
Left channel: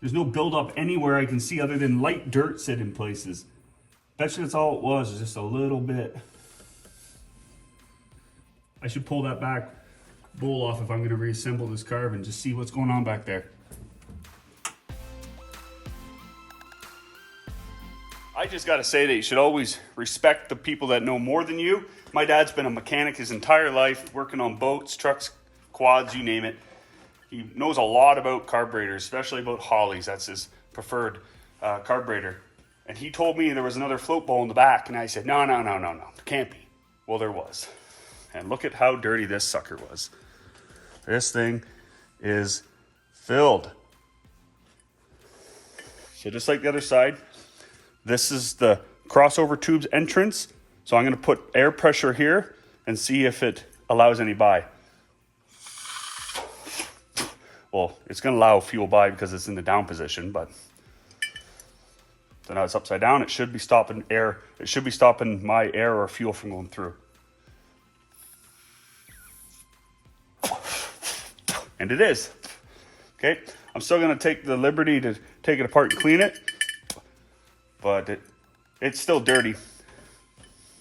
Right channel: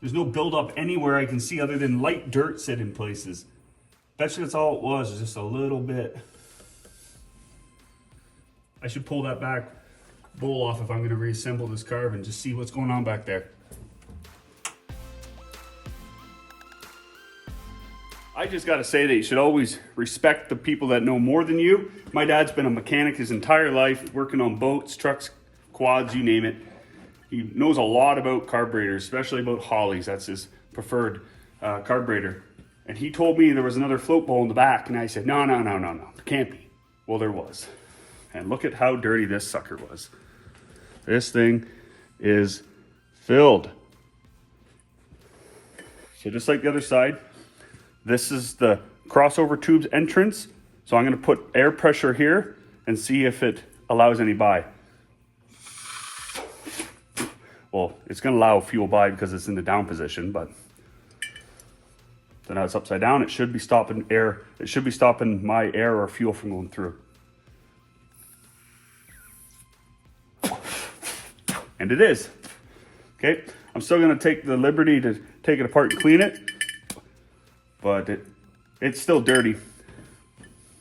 there's no buildup anywhere I can see other than light dirt sitting places. Bet you that's all it was just a little bit. I should pull that back bowl off if I'm going to reassemble this carb and just see what's going on back there. I just got to say that you should always respect the people that know more than you. My dad's been a mechanic his entire life, working on boats, trucks, quads, you name it. He knows a lot about carburetors, especially about Holley's. That's his preferred carburetor. And he told me there was another float bowl in the back, and I said, no, it can't be. Well, there was. And look at how dirty this sucker was. This thing is filled. So just like the other side, this is the crossover tube's entrance. So I'm going to put air pressure here and see if it allows any by. Well, it's going to allow fuel by because it's in the down position, but so now it's upside down. It should be stopping air. It should be stopping my air or fuel from going through. And it is. Okay, I'm still going to take the liberty to take it apart and clean it, but it's still dirty.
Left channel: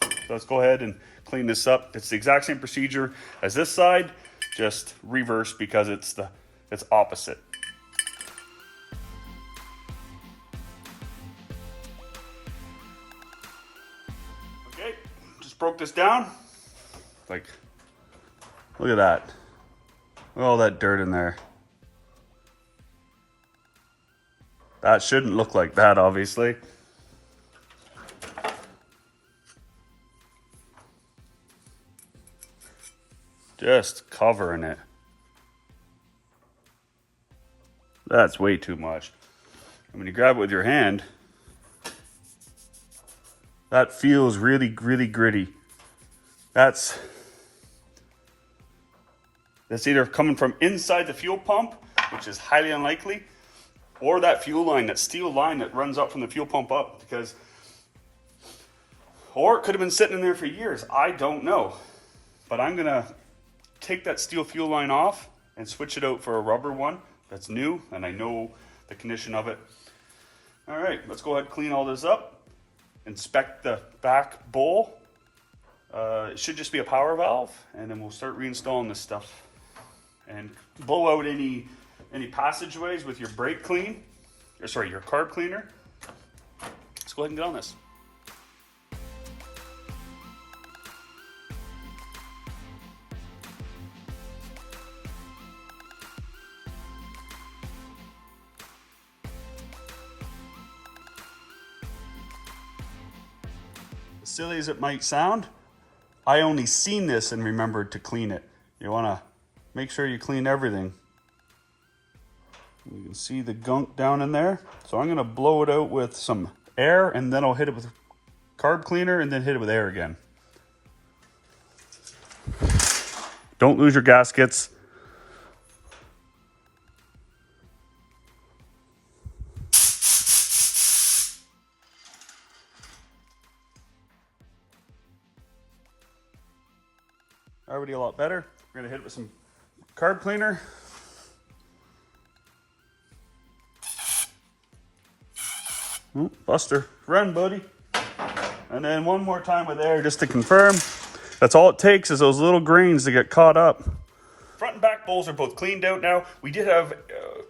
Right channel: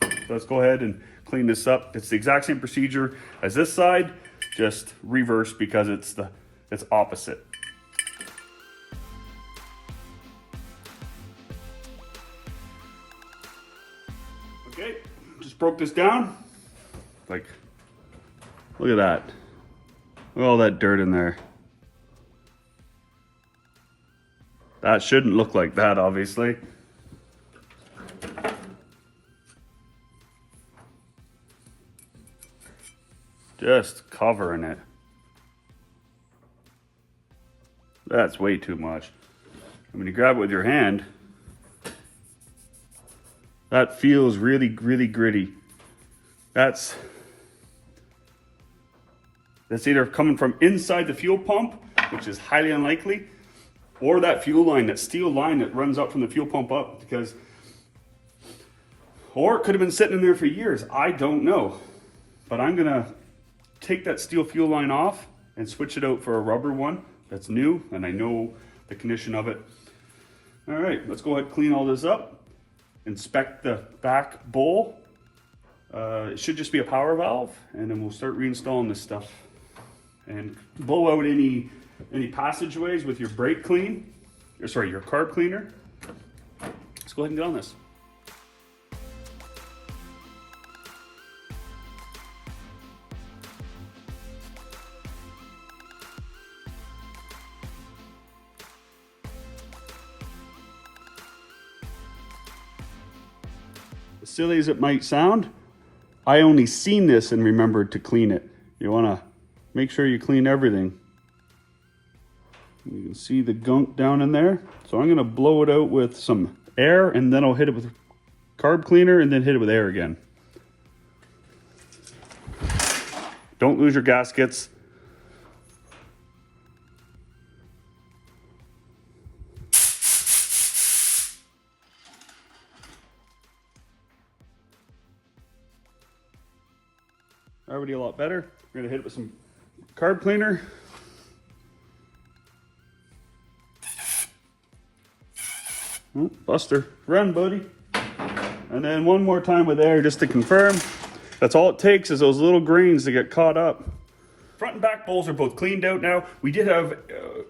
So let's go ahead and clean this up. It's the exact same procedure as this side, just reverse because it's opposite. Okay, just broke this down. Like, look at that. Look at all that dirt in there. That shouldn't look like that, obviously. Just covering it. That's way too much. When you grab it with your hand, that feels really, really gritty. That's either coming from inside the fuel pump, which is highly unlikely, or that fuel line, that steel line that runs up from the fuel pump up, or it could have been sitting in there for years. I don't know. But I'm gonna take that steel fuel line off and switch it out for a rubber one that's new, and I know the condition of it. All right, let's go ahead and clean all this up. Inspect the back bowl. It should just be a power valve, and then we'll start reinstalling this stuff. And blow out any passageways with your brake clean, or sorry, your carb cleaner. Let's go ahead and get on this. As silly as it might sound, I only seen this and remembered to clean it. You wanna make sure you clean everything. You can see the gunk down in there. So I'm gonna blow it out with some air, and then I'll hit it with carb cleaner and then hit it with air again. Don't lose your gaskets. Already a lot better. We're gonna hit it with some carb cleaner. Ooh, Buster, run, buddy. And then one more time with air just to confirm. That's all it takes is those little grains to get caught up. Front and back bowls are both cleaned out now. We did have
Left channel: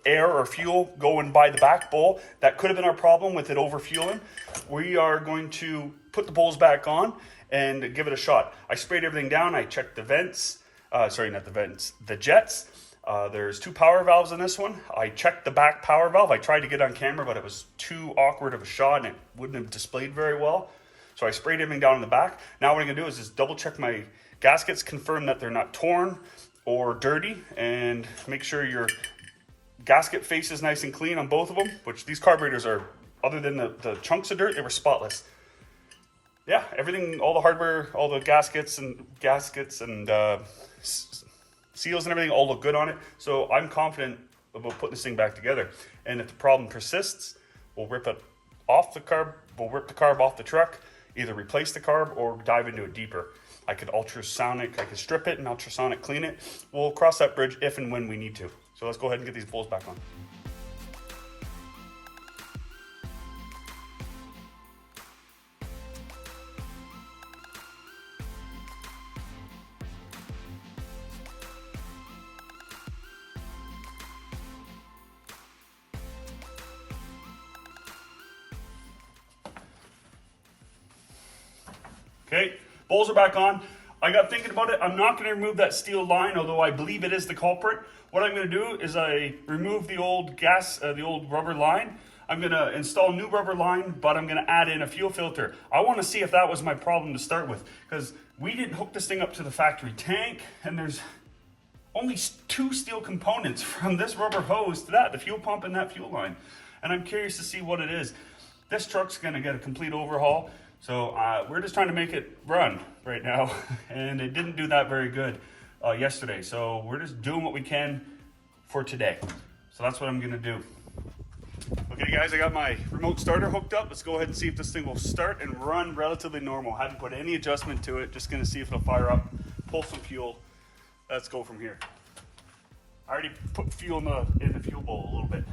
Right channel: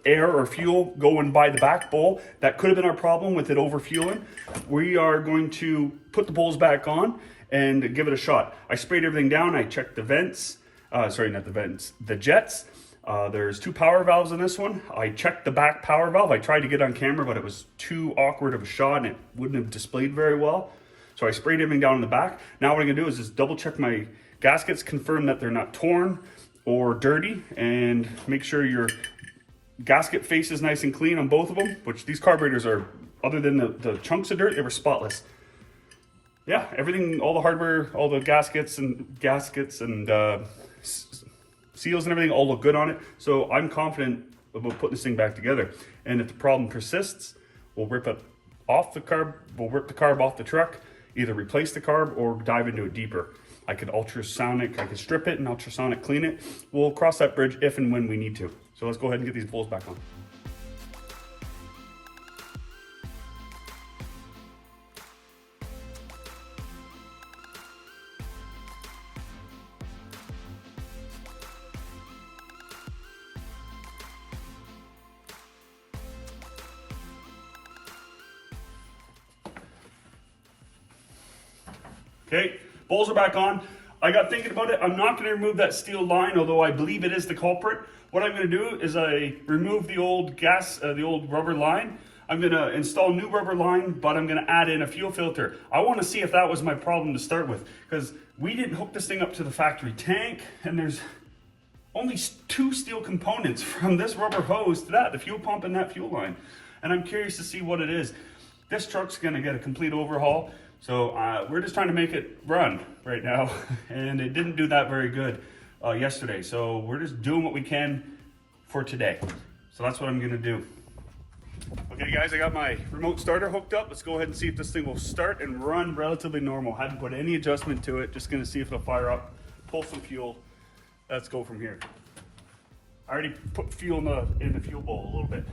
air or fuel going by the back bowl. That could have been our problem with it overfueling. We are going to put the bowls back on and give it a shot. I sprayed everything down. I checked the vents. Sorry, not the vents, the jets. There's 2 power valves in this one. I checked the back power valve. I tried to get on camera, but it was too awkward of a shot and it wouldn't have displayed very well. So I sprayed everything down in the back. Now what I'm gonna do is just double check my gaskets, confirm that they're not torn or dirty, and make sure your gasket face is nice and clean on both of them, which these carburetors are, other than the chunks of dirt, they were spotless. Yeah, everything, all the hardware, all the gaskets and seals and everything all look good on it. So I'm confident about putting this thing back together. And if the problem persists, we'll rip it off the carb, we'll rip the carb off the truck, either replace the carb or dive into it deeper. I could ultrasonic, I could strip it and ultrasonic clean it. We'll cross that bridge if and when we need to. So let's go ahead and get these bowls back on. Okay, bowls are back on. I got thinking about it. I'm not going to remove that steel line, although I believe it is the culprit. What I'm going to do is I remove the old the old rubber line. I'm going to install new rubber line, but I'm going to add in a fuel filter. I want to see if that was my problem to start with, because we didn't hook this thing up to the factory tank, and there's only 2 steel components from this rubber hose to that, the fuel pump and that fuel line. And I'm curious to see what it is. This truck's going to get a complete overhaul. So we're just trying to make it run right now, and it didn't do that very good yesterday. So we're just doing what we can for today. So that's what I'm gonna do. Okay guys, I got my remote starter hooked up. Let's go ahead and see if this thing will start and run relatively normal. Hadn't put any adjustment to it, just gonna see if it'll fire up, pull some fuel. Let's go from here. I already put fuel in the fuel bowl a little bit.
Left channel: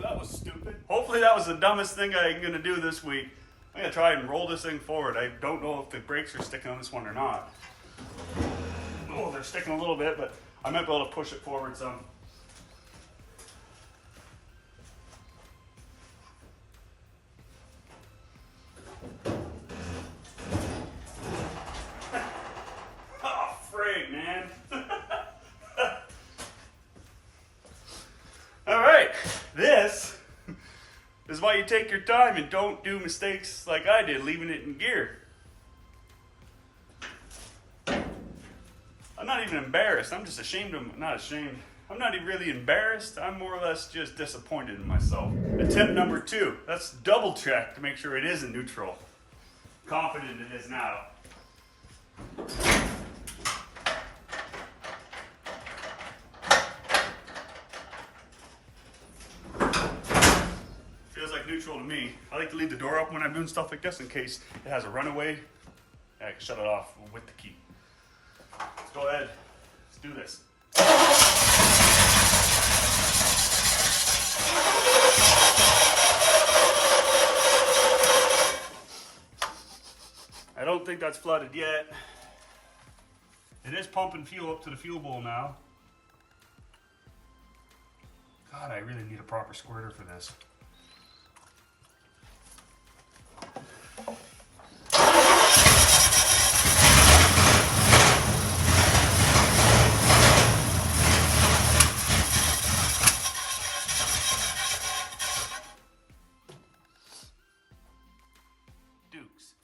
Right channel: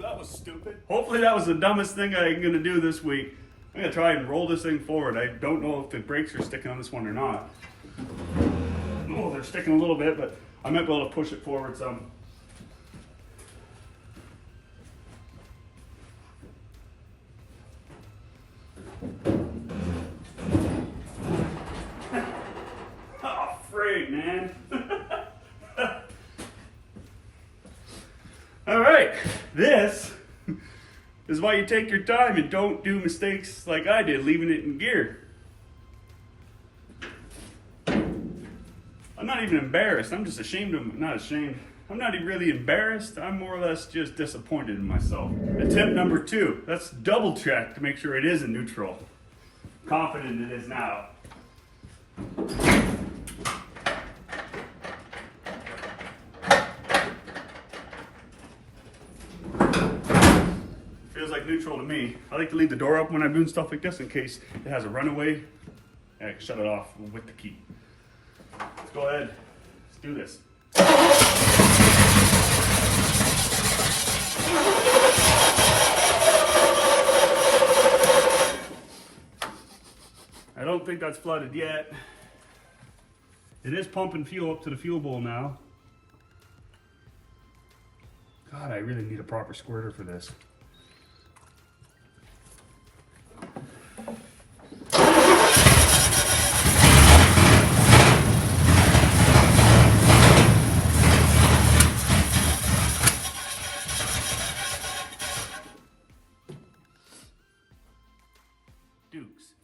That was stupid. Hopefully that was the dumbest thing I'm gonna do this week. I'm gonna try and roll this thing forward. I don't know if the brakes are sticking on this one or not. Oh, they're sticking a little bit, but I might be able to push it forward some. Oh, frig, man. All right, this is why you take your time and don't do mistakes like I did, leaving it in gear. I'm not even embarrassed. I'm just ashamed of, not ashamed. I'm not even really embarrassed. I'm more or less just disappointed in myself. Attempt number 2. Let's double check to make sure it is in neutral. Confident it is now. Neutral to me. I like to leave the door open when I'm doing stuff like this in case it has a runaway. I can shut it off with the key. Let's go ahead. Let's do this. I don't think that's flooded yet. It is pumping fuel up to the fuel bowl now. God, I really need a proper squirter for this. Dukes.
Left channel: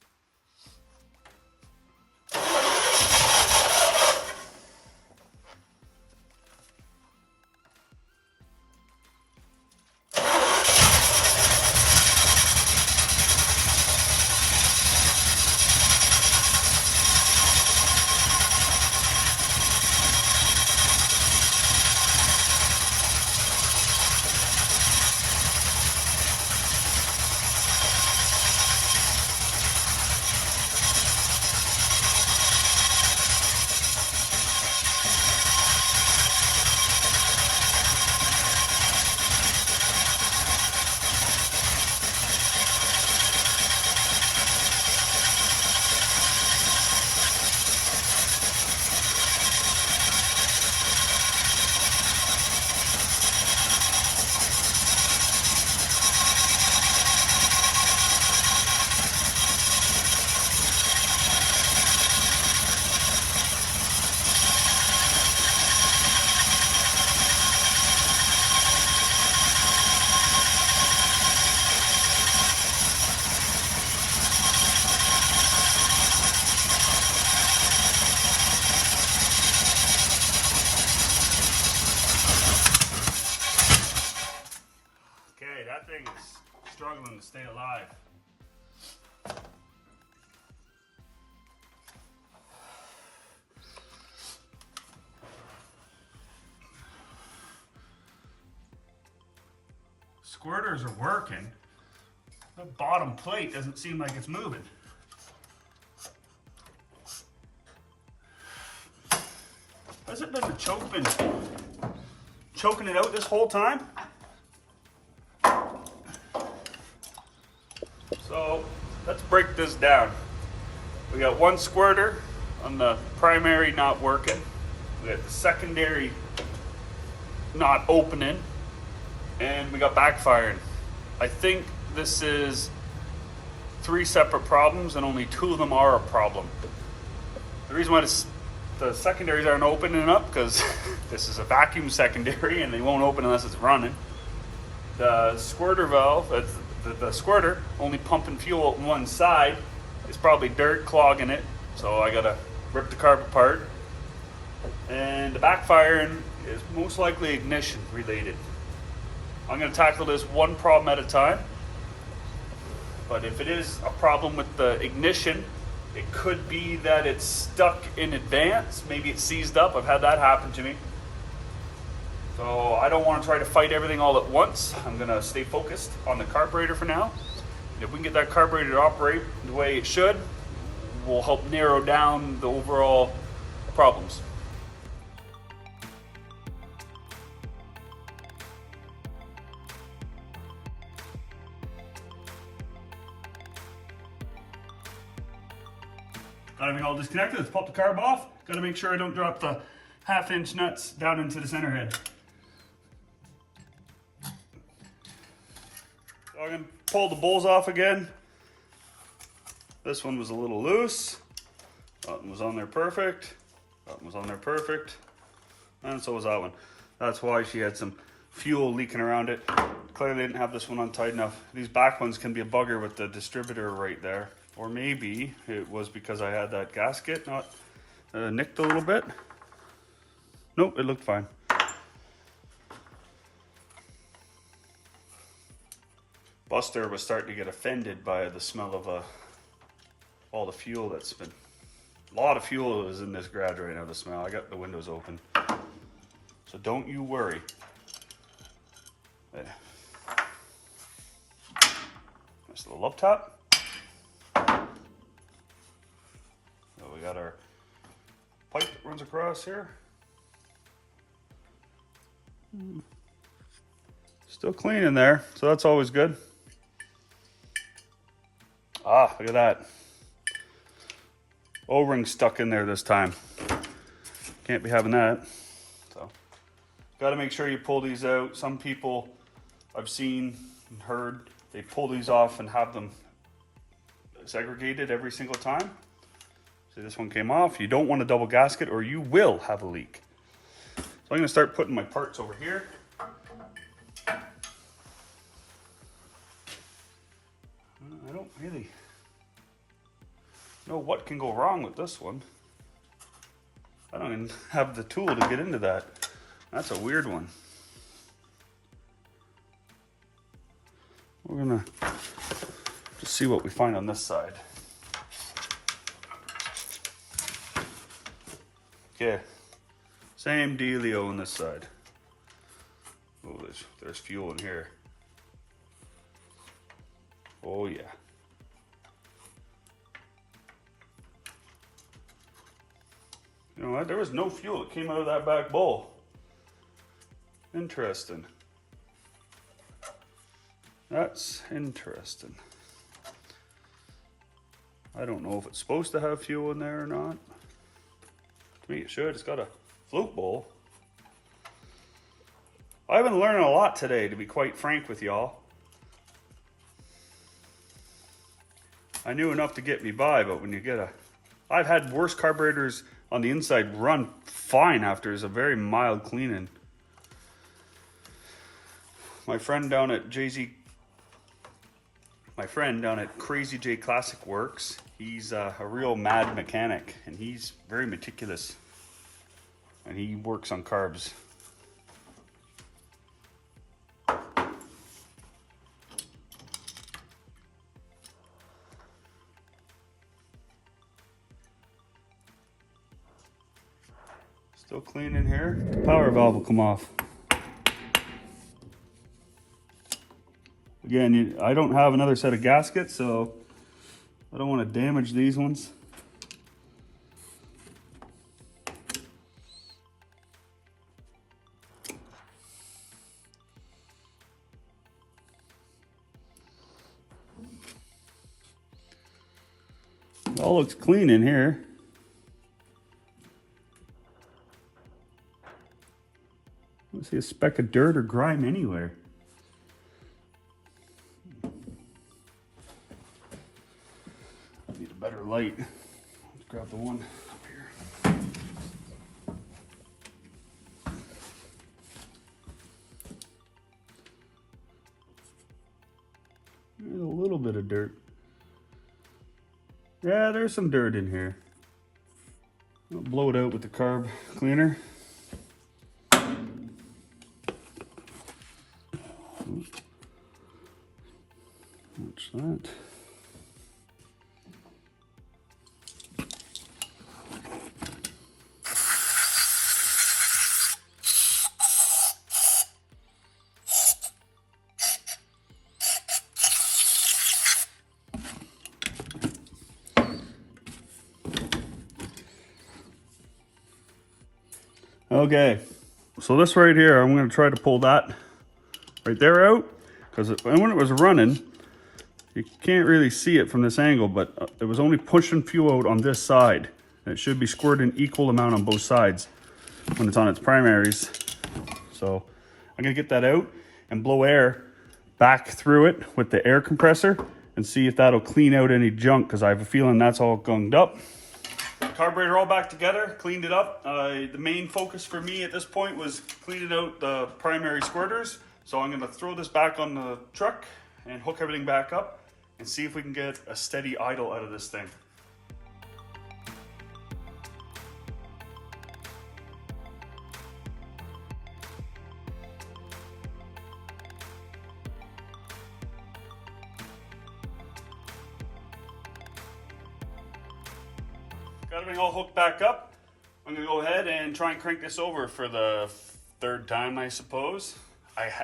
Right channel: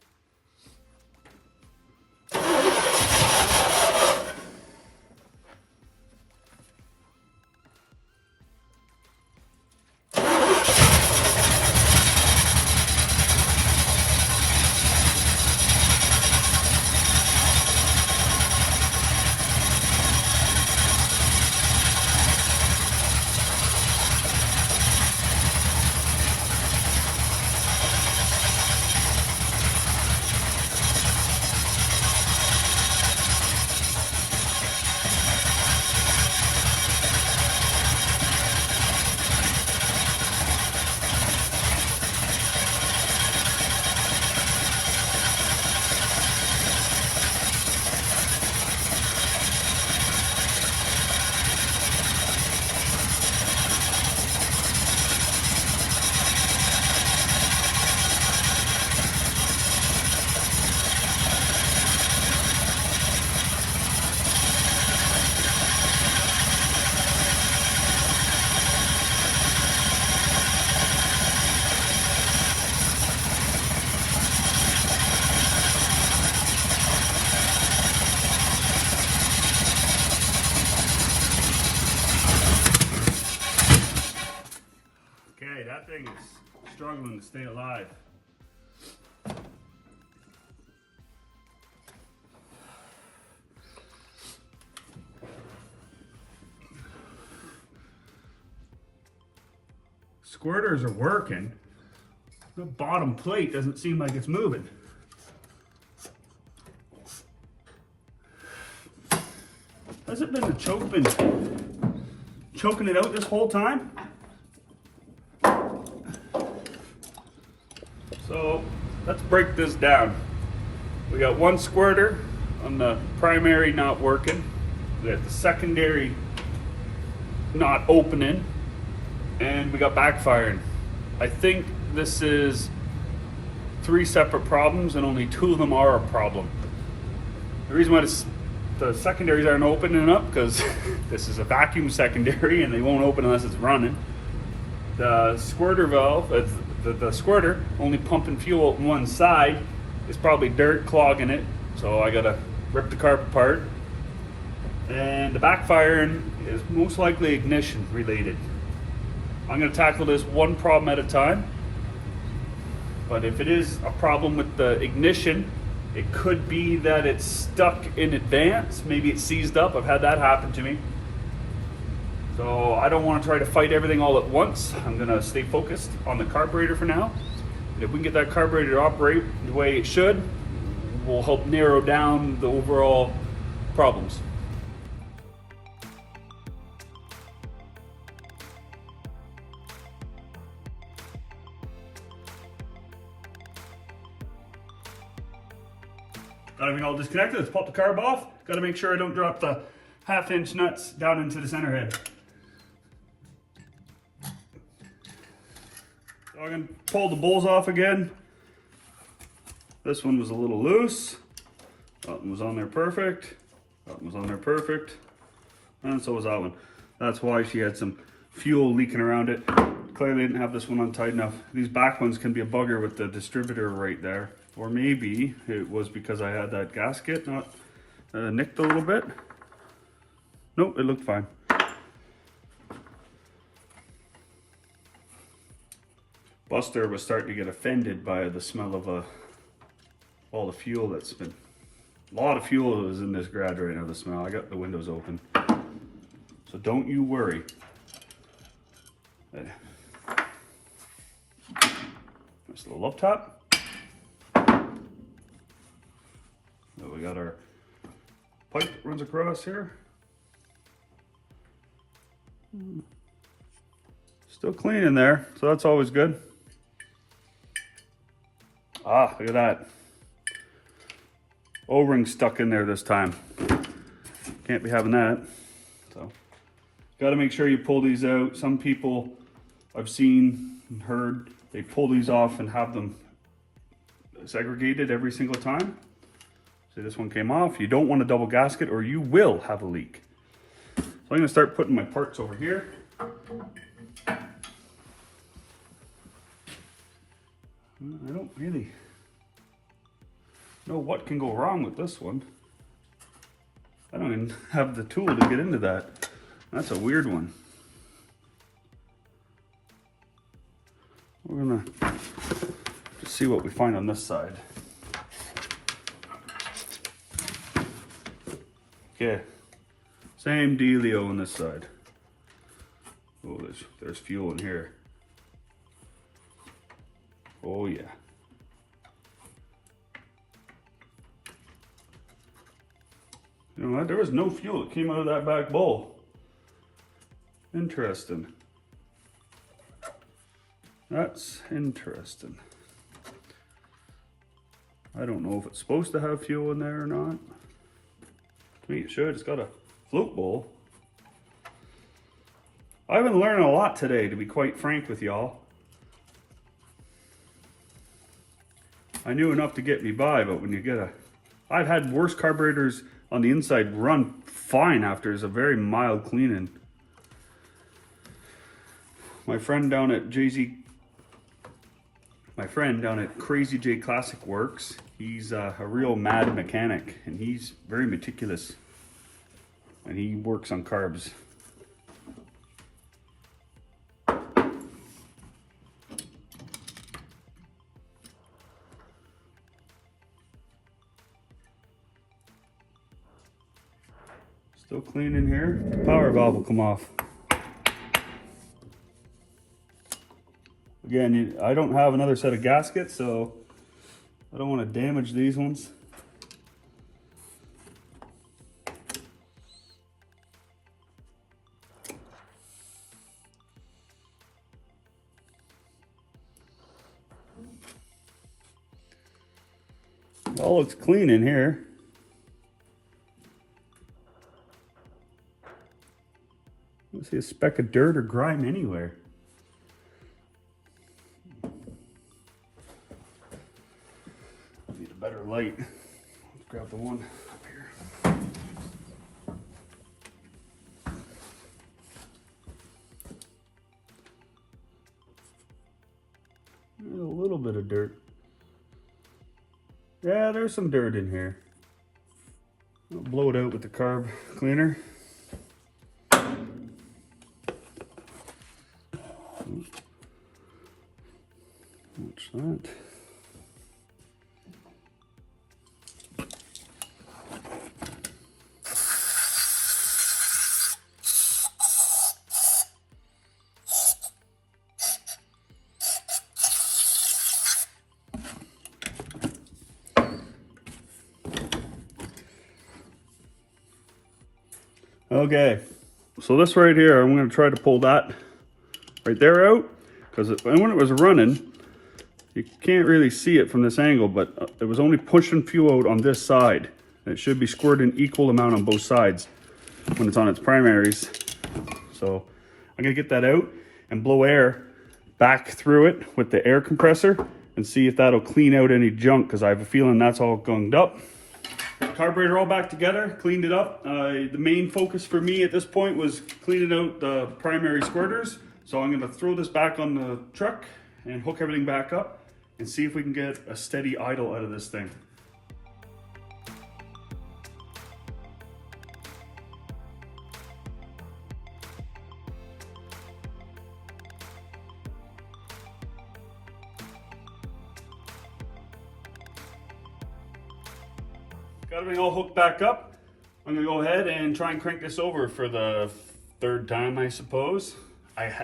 struggling to stay alive. Squirters are working. The bottom plate doesn't seem like it's moving. Has it been the choke been choking it out this whole time? So let's break this down. We got one squirter on the primary not working. We got the secondary not opening. And we got backfiring. I think this is 3 separate problems and only 2 of them are a problem. The reason why the secondaries aren't opening up because this is a vacuum secondary and they won't open unless it's running. The squirter valve, the squirter only pumping fuel out one side is probably dirt clogging it, so I gotta rip the carb apart. And the backfiring is most likely ignition related. I'm going to tackle this one problem at a time, but if it is a problem with the ignition, it could be that it's stuck in advance. Maybe it's seized up. I've had that happen to me. So I don't want to try to fight everything all at once. I'm going to stay focused on the carburetor for now. If we can get that carburetor to operate the way it should, we'll help narrow down the overall problems. Got everything all disconnected. Let's pop the carb off. Got to make sure I don't drop the 1/2-inch nuts down into the center head. So I'm going to pull the bowls off again. This one was a little loose. That one was on there perfect. That one was on there perfect. And so was that one. That's why she had some fuel leaking around it. Clearly didn't have this one on tight enough. These back ones can be a bugger with the distributor right there. Or maybe it was because I had that gasket not nicked a little bit. Nope, it looked fine. Buster was starting to get offended by the smell of all the fuel that's been... A lot of fuel is in this garage right now, the smell. I got the windows open. So don't you worry. Nice little up top. We got our pipe that runs across here. Still clean in there, so that's always good. Ah, look at that. O-ring stuck in there this time. Can't be having that. So, got to make sure you pull these out. Some people I've seen and heard, they pull these off and have them segregated every single time. So this one came off. You don't want a double gasket or you will have a leak. So I'm going to start putting my parts over here. I don't really know what can go wrong with this one. I don't even have the tool to get into that. That's a weird one. We're going to see what we find on this side. Yeah, same dealio on this side. Oh, there's fuel in here. Oh yeah. You know what? There was no fuel that came out of that back bowl. Interesting. That's interesting. I don't know if it's supposed to have fuel in there or not. To me it should. It's got a float bowl. I've been learning a lot today, to be quite frank with y'all. I knew enough to get me by, but when you get I've had worse carburetors on the inside run fine after it's a very mild cleaning. My friend down at Crazy J Classic Works, he's a real mad mechanic, and he's very meticulous, and he works on carbs. Still clean in here. The power valve will come off. Again, I don't have another set of gaskets, so I don't want to damage these ones. It all looks clean in here. I don't see a speck of dirt or grime anywhere. Need a better light. Let's grab the one up here. There's a little bit of dirt. Yeah, there's some dirt in here. I'll blow it out with the carb cleaner. Watch that. Okay, so this right here, I'm going to try to pull that right there out, because when it was running, you can't really see it from this angle, but it was only pushing fuel out on this side. And it should be squirting equal amount on both sides when it's on its primaries. So I'm going to get that out and blow air back through it with the air compressor and see if that'll clean out any junk, because I have a feeling that's all gunged up. Carburetor all back together, cleaned it up. The main focus for me at this point was cleaning out the primary squirters. So I'm gonna throw this back on the truck and hook everything back up and see if we can get a steady idle out of this thing. Got everything all hooked back up. I'm gonna go ahead and try and crank this over for the third time, I suppose.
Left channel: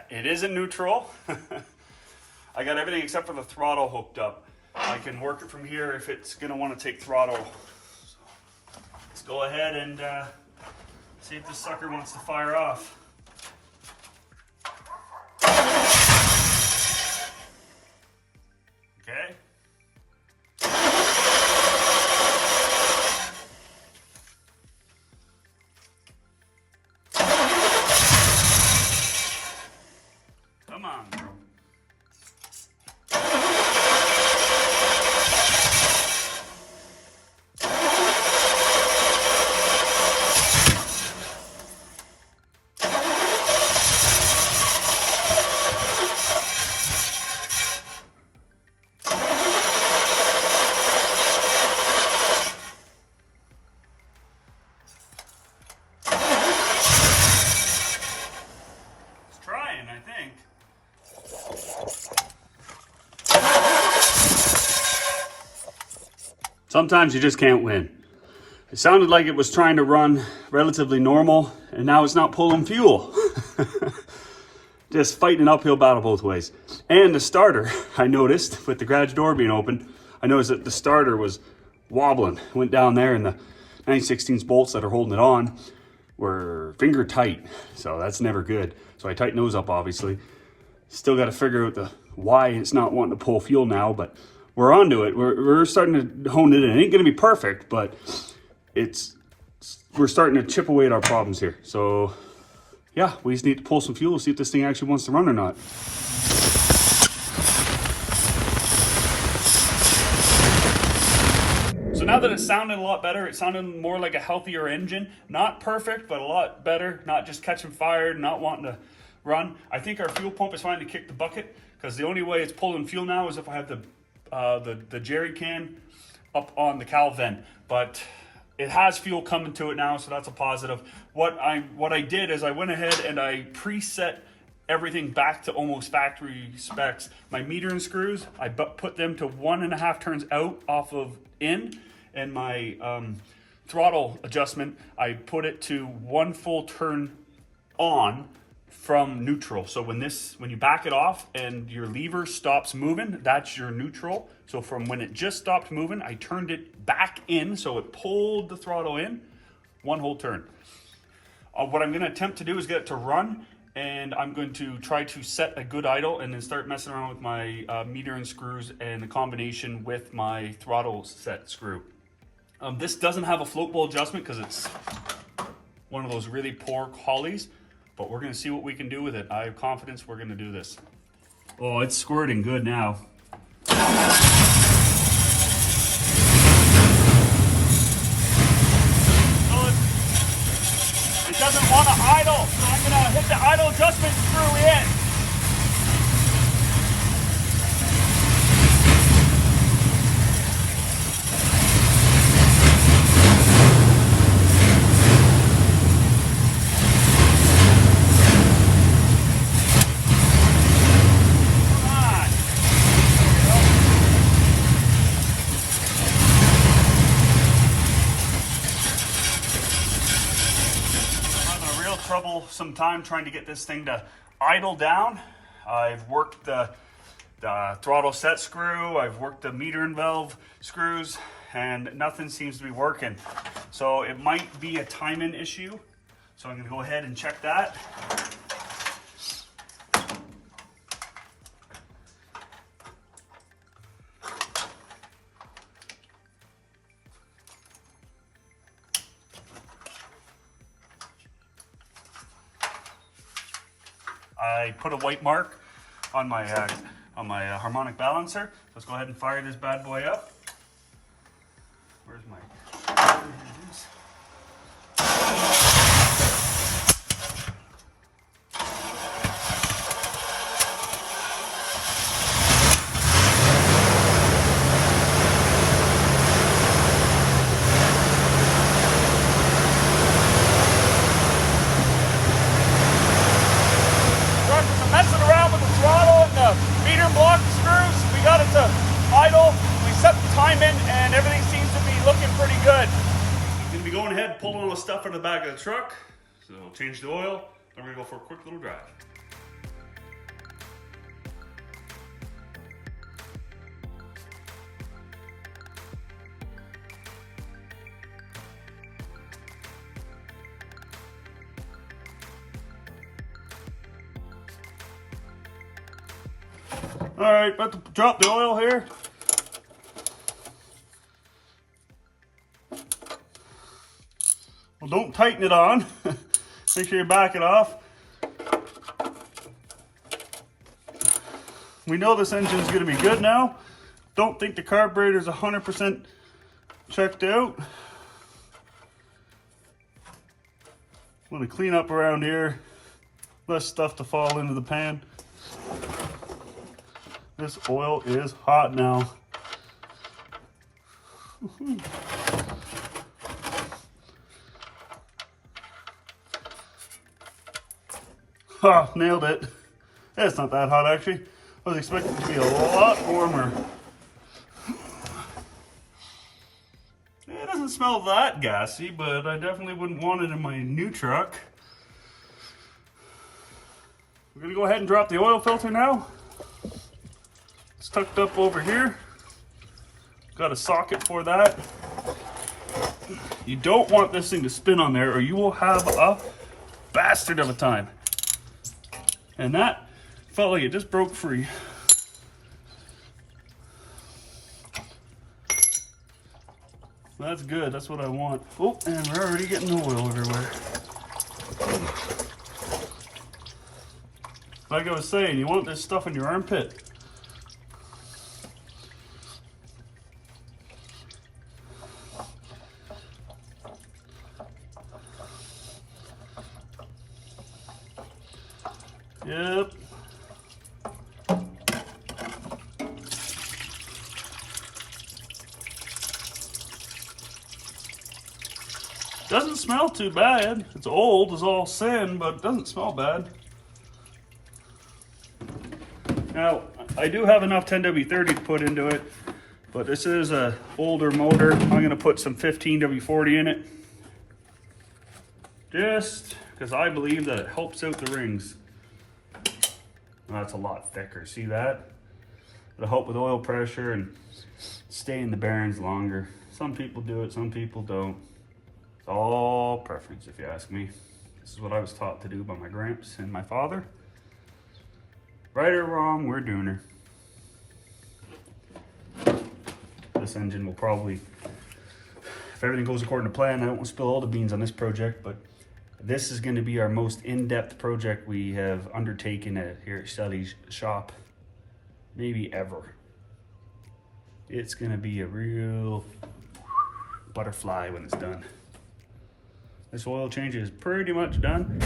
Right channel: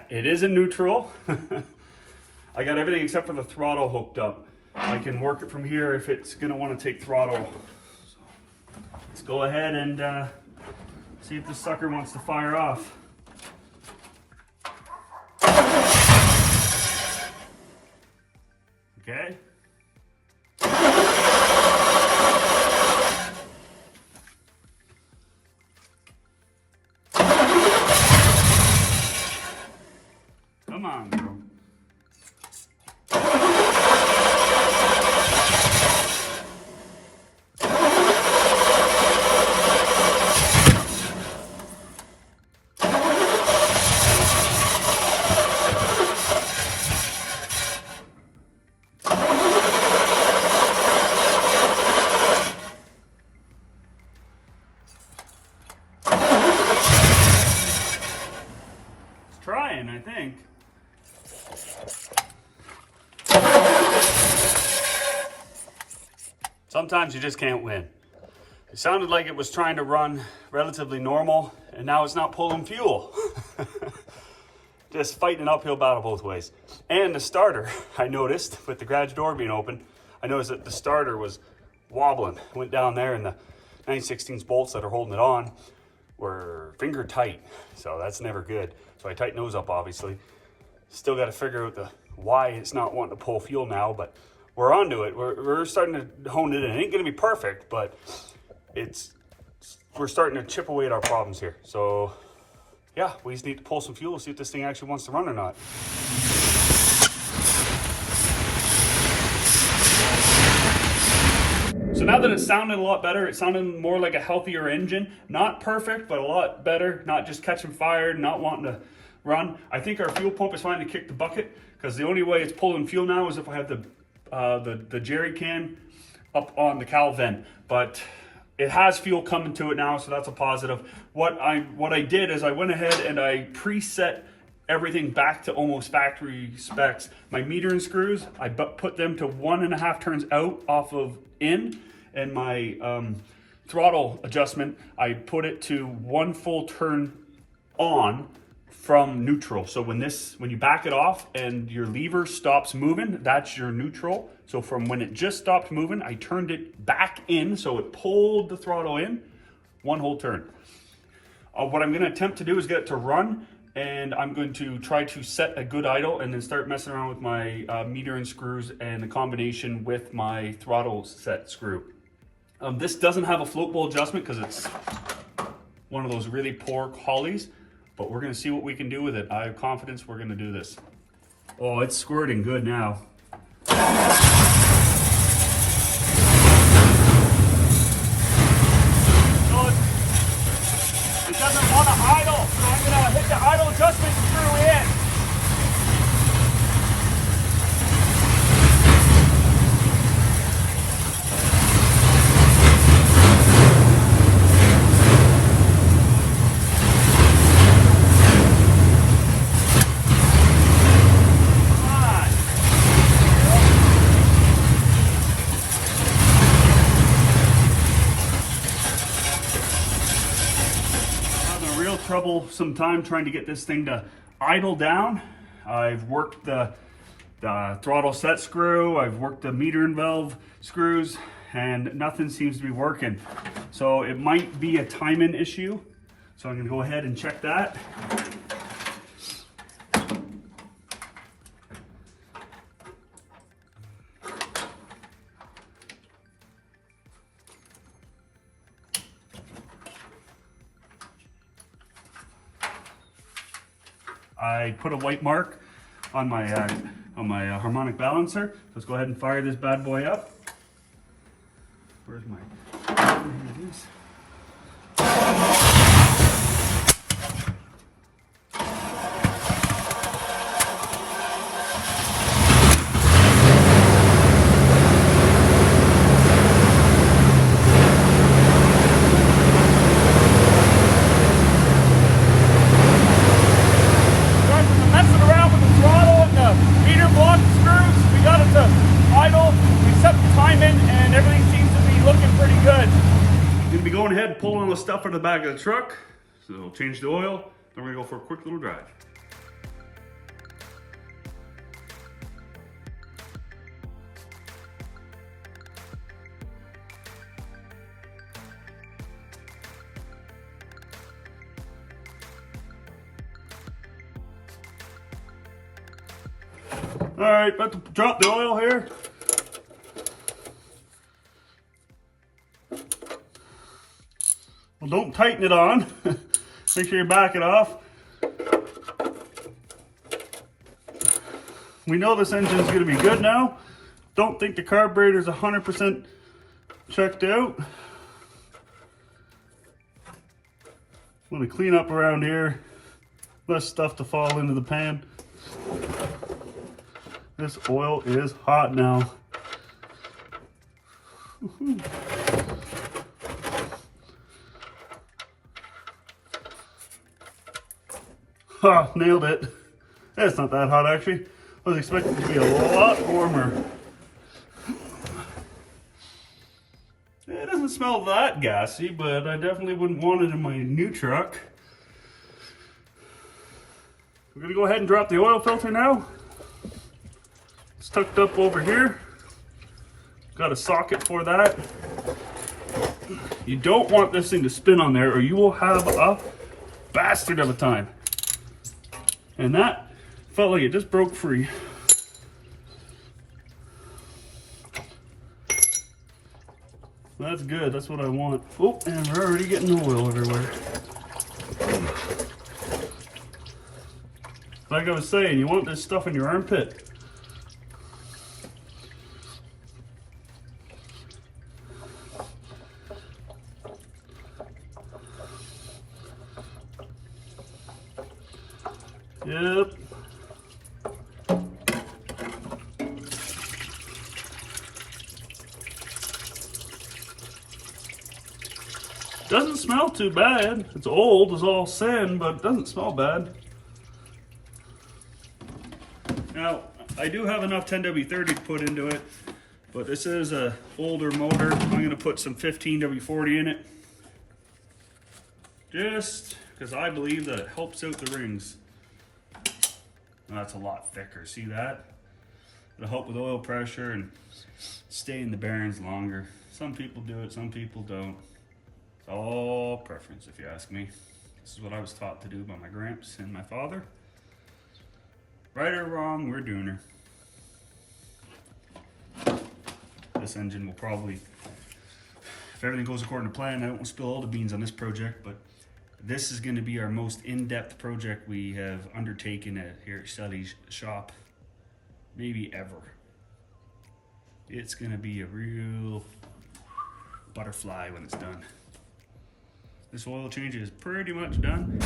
It is in neutral. I got everything except for the throttle hooked up. I can work it from here if it's gonna want to take throttle. So let's go ahead and see if this sucker wants to fire off. Okay. Come on, bro. It's trying, I think. Sometimes you just can't win. It sounded like it was trying to run relatively normal, and now it's not pulling fuel. Just fighting an uphill battle both ways. And the starter, I noticed, with the garage door being open, I noticed that the starter was wobbling. It went down there, and the 9/16 bolts that are holding it on were finger tight. So that's never good. So I tightened those up, obviously. Still got to figure out why it's not wanting to pull fuel now, but we're onto it. We're starting to hone it in. It ain't gonna be perfect, but we're starting to chip away at our problems here. So yeah, we just need to pull some fuel, see if this thing actually wants to run or not. So now that it sounded a lot better, it sounded more like a healthier engine. Not perfect, but a lot better. Not just catching fire, not wanting to run. I think our fuel pump is finally kicked the bucket, because the only way it's pulling fuel now is if I have the jerry can up on the cowl vent. But it has fuel coming to it now, so that's a positive. What I did is I went ahead and I preset everything back to almost factory specs. My metering screws, I put them to 1.5 turns out off of in, and my throttle adjustment, I put it to 1 full turn on from neutral. So when you back it off and your lever stops moving, that's your neutral. So from when it just stopped moving, I turned it back in, so it pulled the throttle in 1 whole turn. What I'm gonna attempt to do is get it to run, and I'm going to try to set a good idle and then start messing around with my meter and screws and the combination with my throttle set screw. This doesn't have a float bowl adjustment because it's one of those really poor Hollies, but we're gonna see what we can do with it. I have confidence we're gonna do this. Oh, it's squirting good now. It doesn't want to idle, so I'm going to hit the idle adjustment screw in. Some time trying to get this thing to idle down. I've worked the throttle set screw, I've worked the meter and valve screws, and nothing seems to be working. So it might be a timing issue. So I'm gonna go ahead and check that. I put a white mark on my harmonic balancer. Let's go ahead and fire this bad boy up. Where's my? Here it is. Pulling the stuff from the back of the truck, so we'll change the oil, then we're gonna go for a quick little drive. All right, about to drop the oil here. Well, don't tighten it on. Make sure you back it off. We know this engine is going to be good now. Don't think the carburetor is 100% checked out. Want to clean up around here. Less stuff to fall into the pan. This oil is hot now. Oh, nailed it. It's not that hot actually. I was expecting it to be a lot warmer. It doesn't smell that gassy, but I definitely wouldn't want it in my new truck. I'm gonna go ahead and drop the oil filter now. It's tucked up over here. Got a socket for that. You don't want this thing to spin on there or you will have a bastard of a time. And that felt like it just broke free. That's good, that's what I want. Oh, and we're already getting the oil everywhere. Like I was saying, you want this stuff in your armpit. Yep. Doesn't smell too bad. It's old as all sin, but it doesn't smell bad. Now, I do have enough 10W30 to put into it But this is a older motor. I'm gonna put some 15W40 in it, just because I believe that it helps out the rings. That's a lot thicker, see that? It'll help with oil pressure and stay in the bearings longer. Some people do it, some people don't. It's all preference, if you ask me. This is what I was taught to do by my gramps and my father. Right or wrong, we're doing her. This engine will probably, if everything goes according to plan, I don't want to spill all the beans on this project, but this is going to be our most in-depth project we have undertaken here at Shelly's shop, maybe ever. It's going to be a real butterfly when it's done. This oil change is pretty much done.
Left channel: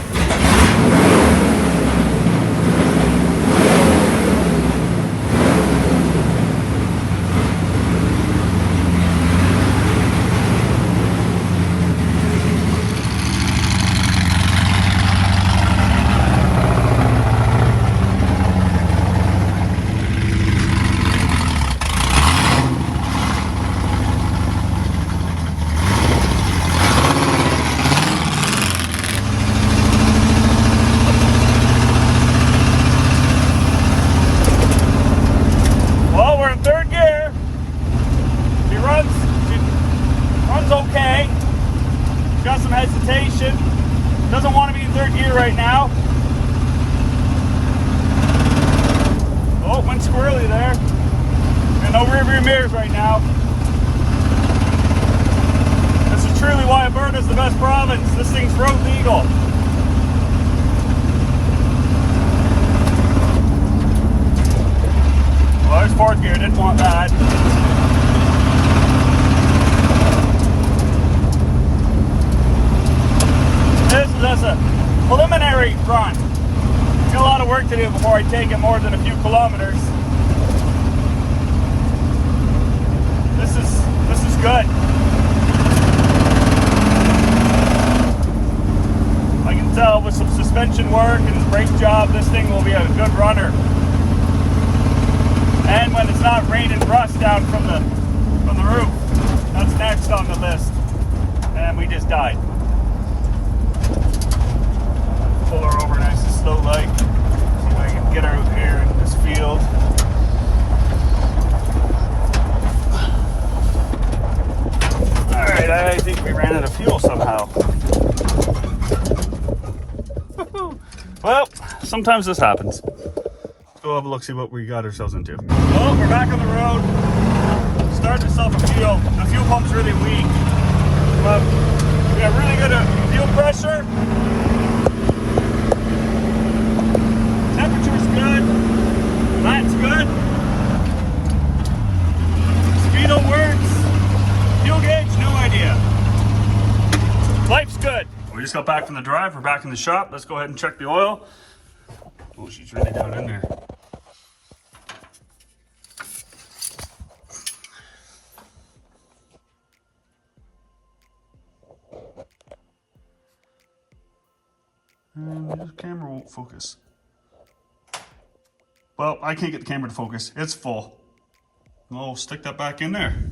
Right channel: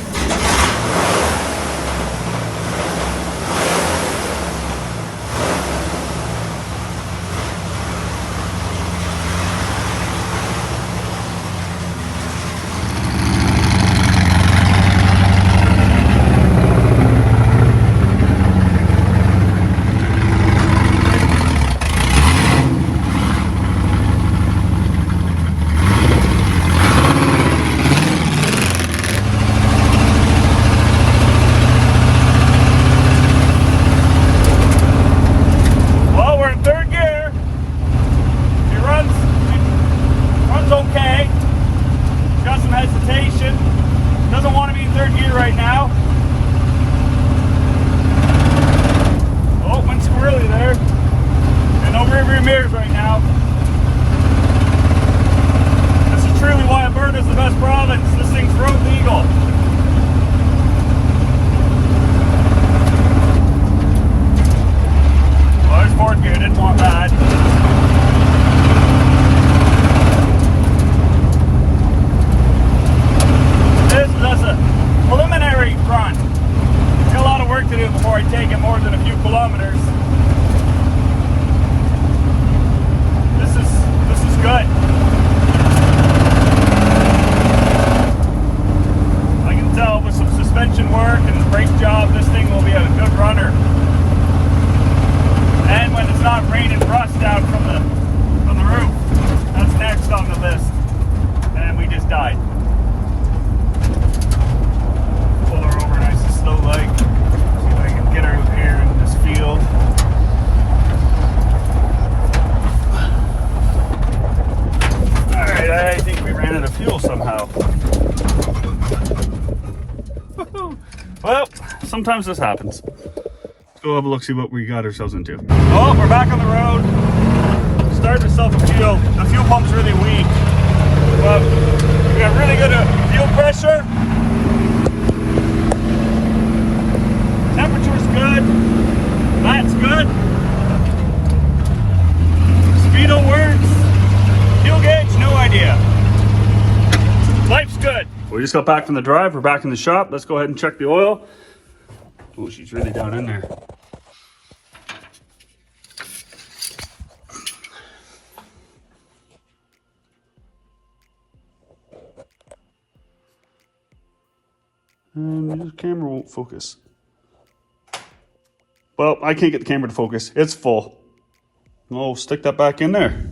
Doesn't want to be in third gear right now. Oh, went squirrely there. And no rear view mirrors right now. This is truly why Alberta's the best province. This thing's road legal. Well, there's fourth gear, didn't want that. That's a preliminary run. Got a lot of work to do before I take it more than a few kilometers. This is good. I can tell with some suspension work and brake job, this thing will be a good runner. And when it's not raining rust down from the roof, that's next on the list. And we just died. Pull her over nice and slow like. See if I can get her out here in this field. Alright, I think we ran out of fuel somehow. Well, sometimes this happens. Let's go have a look, see what we got ourselves into. Well, we're back on the road. Starting to self a fuel. The fuel pump's really weak. But we got really good fuel pressure. Temperature's good. That's good. Speedo works. Fuel gauge, no idea. Life's good. We just got back from the drive. We're back in the shop. Let's go ahead and check the oil. Oh, she's really down in there. And the camera won't focus. Well, I can't get the camera to focus. It's full. I'll stick that back in there.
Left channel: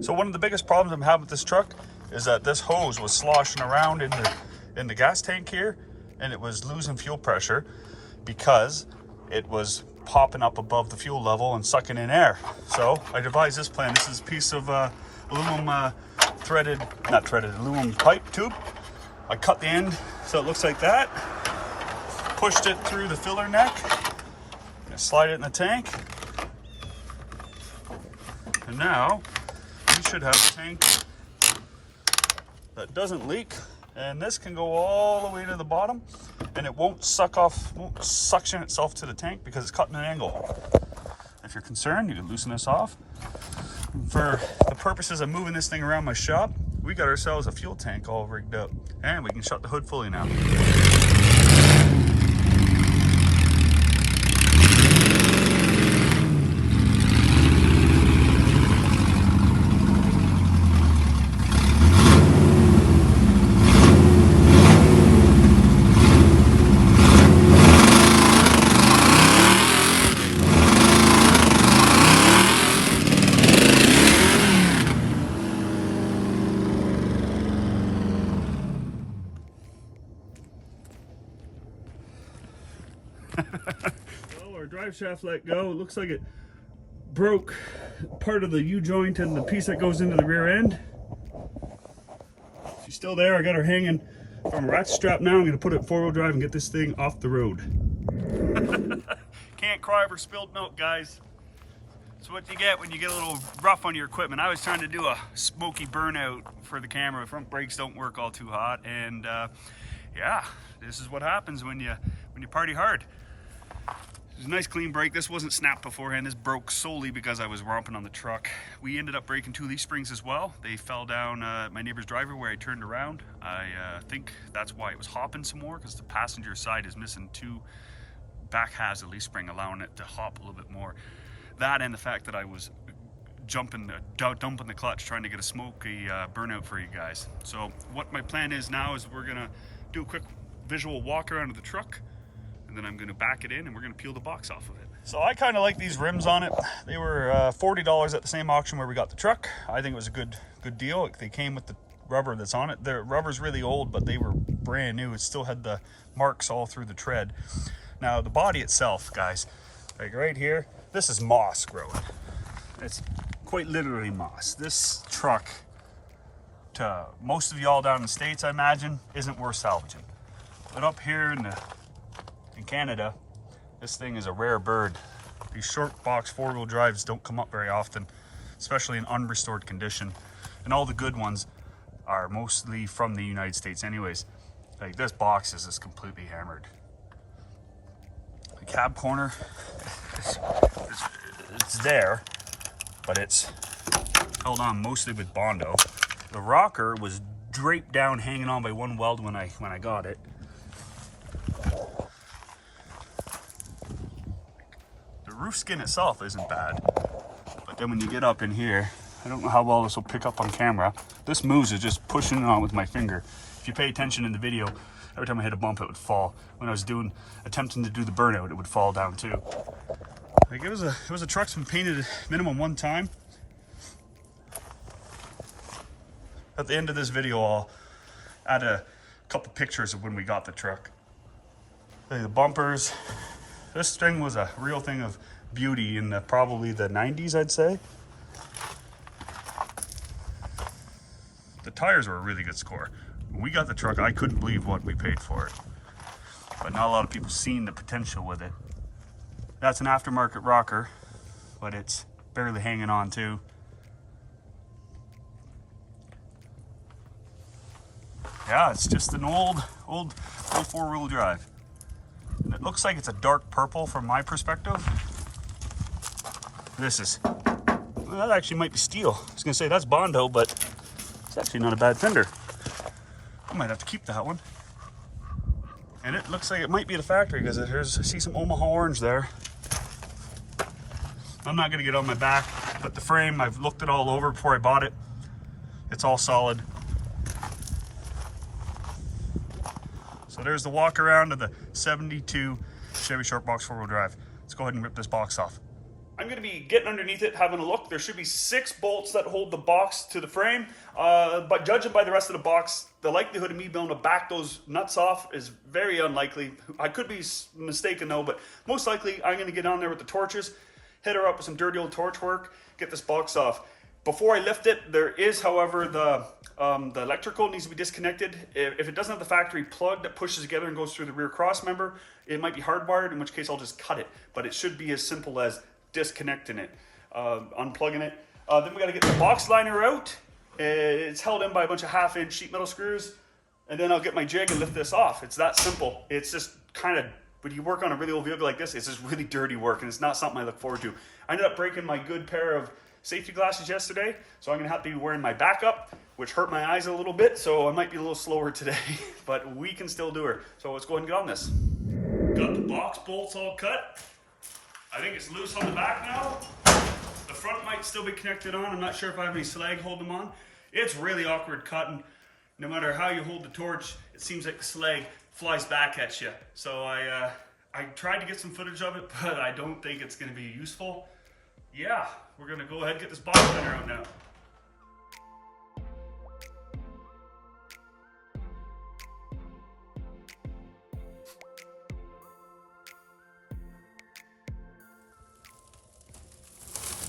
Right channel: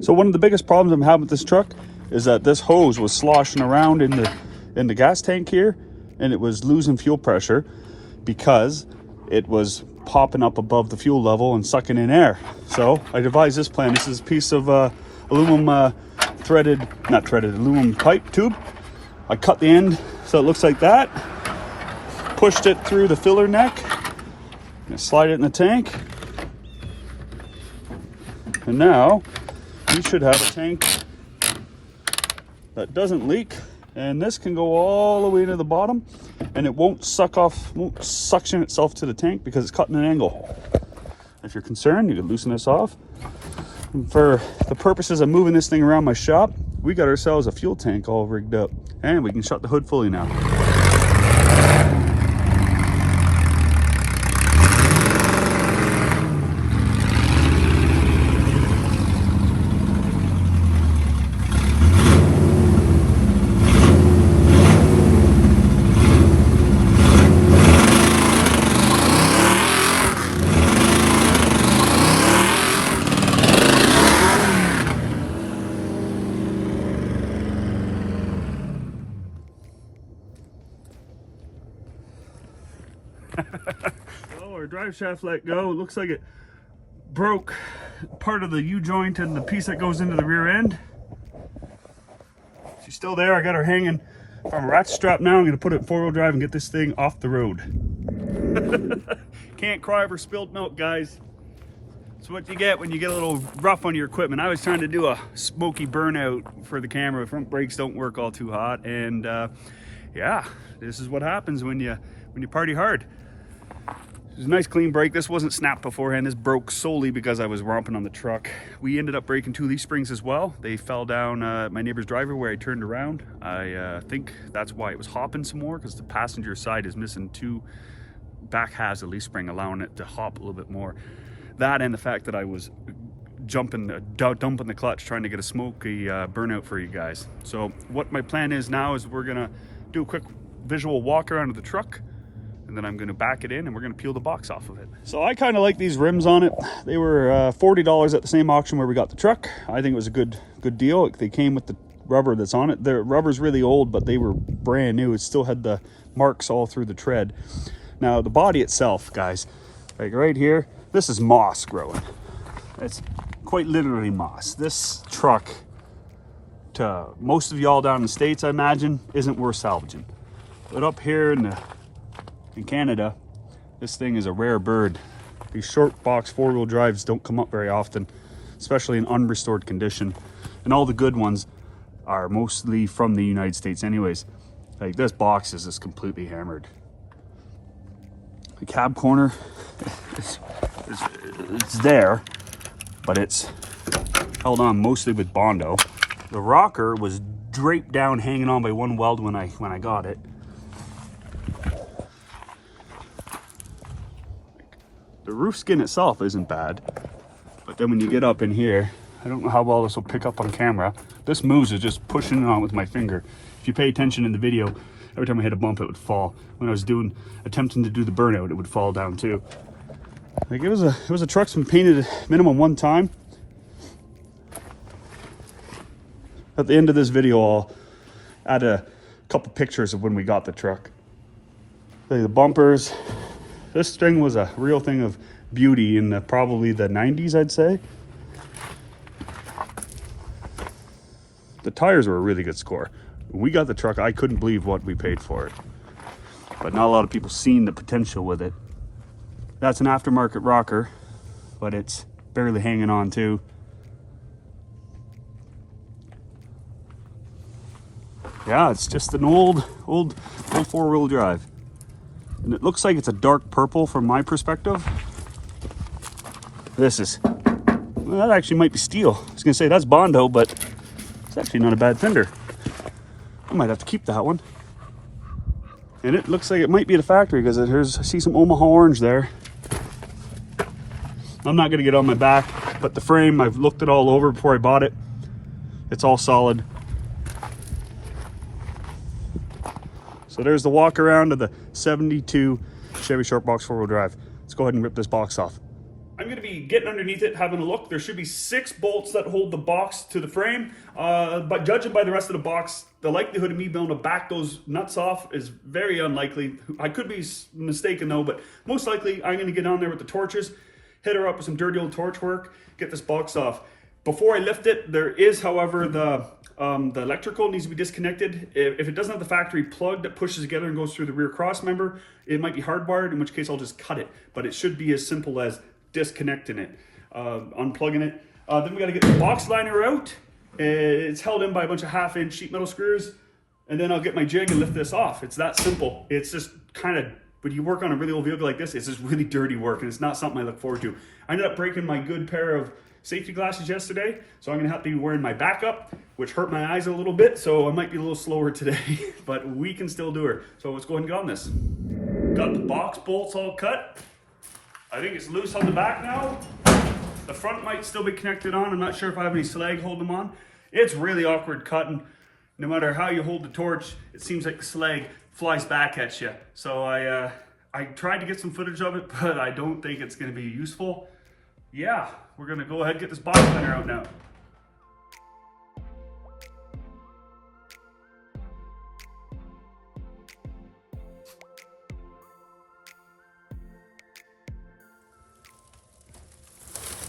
So one of the biggest problems I'm having with this truck is that this hose was sloshing around in the gas tank here, and it was losing fuel pressure because it was popping up above the fuel level and sucking in air. So I devised this plan. This is a piece of aluminum aluminum pipe tube. I cut the end so it looks like that. Pushed it through the filler neck. Slide it in the tank. And now you should have a tank that doesn't leak, and this can go all the way to the bottom, and it won't suction itself to the tank because it's cut in an angle. If you're concerned, you can loosen this off. And for the purposes of moving this thing around my shop, we got ourselves a fuel tank all rigged up, and we can shut the hood fully now. So our drive shaft let go. It looks like it broke part of the U-joint and the piece that goes into the rear end. She's still there. I got her hanging from a ratchet strap now. I'm going to put it in four-wheel drive and get this thing off the road. Can't cry over spilled milk, guys. It's what you get when you get a little rough on your equipment. I was trying to do a smoky burnout for the camera. Front brakes don't work all too hot, and yeah, this is what happens when you party hard. It was a nice clean break. This wasn't snapped beforehand. This broke solely because I was romping on the truck. We ended up breaking two leaf springs as well. They fell down my neighbor's driveway where I turned around. I think that's why it was hopping some more, because the passenger side is missing two back halves of leaf spring, allowing it to hop a little bit more. That and the fact that I was dumping the clutch, trying to get a smoky burnout for you guys. So what my plan is now is we're gonna do a quick visual walk around of the truck, and then I'm gonna back it in and we're gonna peel the box off of it. So I kind of like these rims on it. They were $40 at the same auction where we got the truck. I think it was a good deal. They came with the rubber that's on it. The rubber's really old, but they were brand new. It still had the marks all through the tread. Now the body itself, guys, like right here, this is moss growing. It's quite literally moss. This truck, to most of y'all down in the States, I imagine, isn't worth salvaging. But up here in Canada, this thing is a rare bird. These short box four-wheel drives don't come up very often, especially in unrestored condition. And all the good ones are mostly from the United States anyways. Like this box is just completely hammered. The cab corner, it's there, but it's held on mostly with Bondo. The rocker was draped down, hanging on by one weld when I got it. The roof skin itself isn't bad, but then when you get up in here, I don't know how well this will pick up on camera. This moves is just pushing it on with my finger. If you pay attention in the video, every time I hit a bump, it would fall. When I was attempting to do the burnout, it would fall down too. Like it was a truck's been painted minimum one time. At the end of this video, I'll add a couple pictures of when we got the truck. The bumpers. This thing was a real thing of beauty in probably the 90s, I'd say. The tires were a really good score. When we got the truck, I couldn't believe what we paid for it. But not a lot of people seen the potential with it. That's an aftermarket rocker, but it's barely hanging on too. Yeah, it's just an old four-wheel drive. And it looks like it's a dark purple from my perspective. This is, well, that actually might be steel. I was gonna say that's Bondo, but it's actually not a bad fender. I might have to keep that one. And it looks like it might be the factory because I see some Omaha orange there. I'm not gonna get on my back, but the frame, I've looked it all over before I bought it. It's all solid. So there's the walk around of the 72 Chevy Short Box four-wheel drive. Let's go ahead and rip this box off. I'm going to be getting underneath it, having a look. There should be 6 bolts that hold the box to the frame. But judging by the rest of the box, the likelihood of me being able to back those nuts off is very unlikely. I could be mistaken though, but most likely I'm going to get down there with the torches, hit her up with some dirty old torch work, get this box off. Before I lift it, there is, however, the electrical needs to be disconnected. If it doesn't have the factory plug that pushes together and goes through the rear cross member, it might be hardwired, in which case I'll just cut it. But it should be as simple as disconnecting it, unplugging it. Then we got to get the box liner out. It's held in by a bunch of 1/2-inch sheet metal screws, and then I'll get my jig and lift this off. It's that simple. It's just kind of, when you work on a really old vehicle like this, it's just really dirty work, and it's not something I look forward to. I ended up breaking my good pair of safety glasses yesterday, so I'm gonna have to be wearing my backup, which hurt my eyes a little bit, so I might be a little slower today, but we can still do her. So let's go ahead and get on this. Got the box bolts all cut. I think it's loose on the back now. The front might still be connected on. I'm not sure if I have any slag holding them on. It's really awkward cutting. No matter how you hold the torch, it seems like the slag flies back at you. So I tried to get some footage of it, but I don't think it's gonna be useful. Yeah, we're gonna go ahead and get this box liner out now.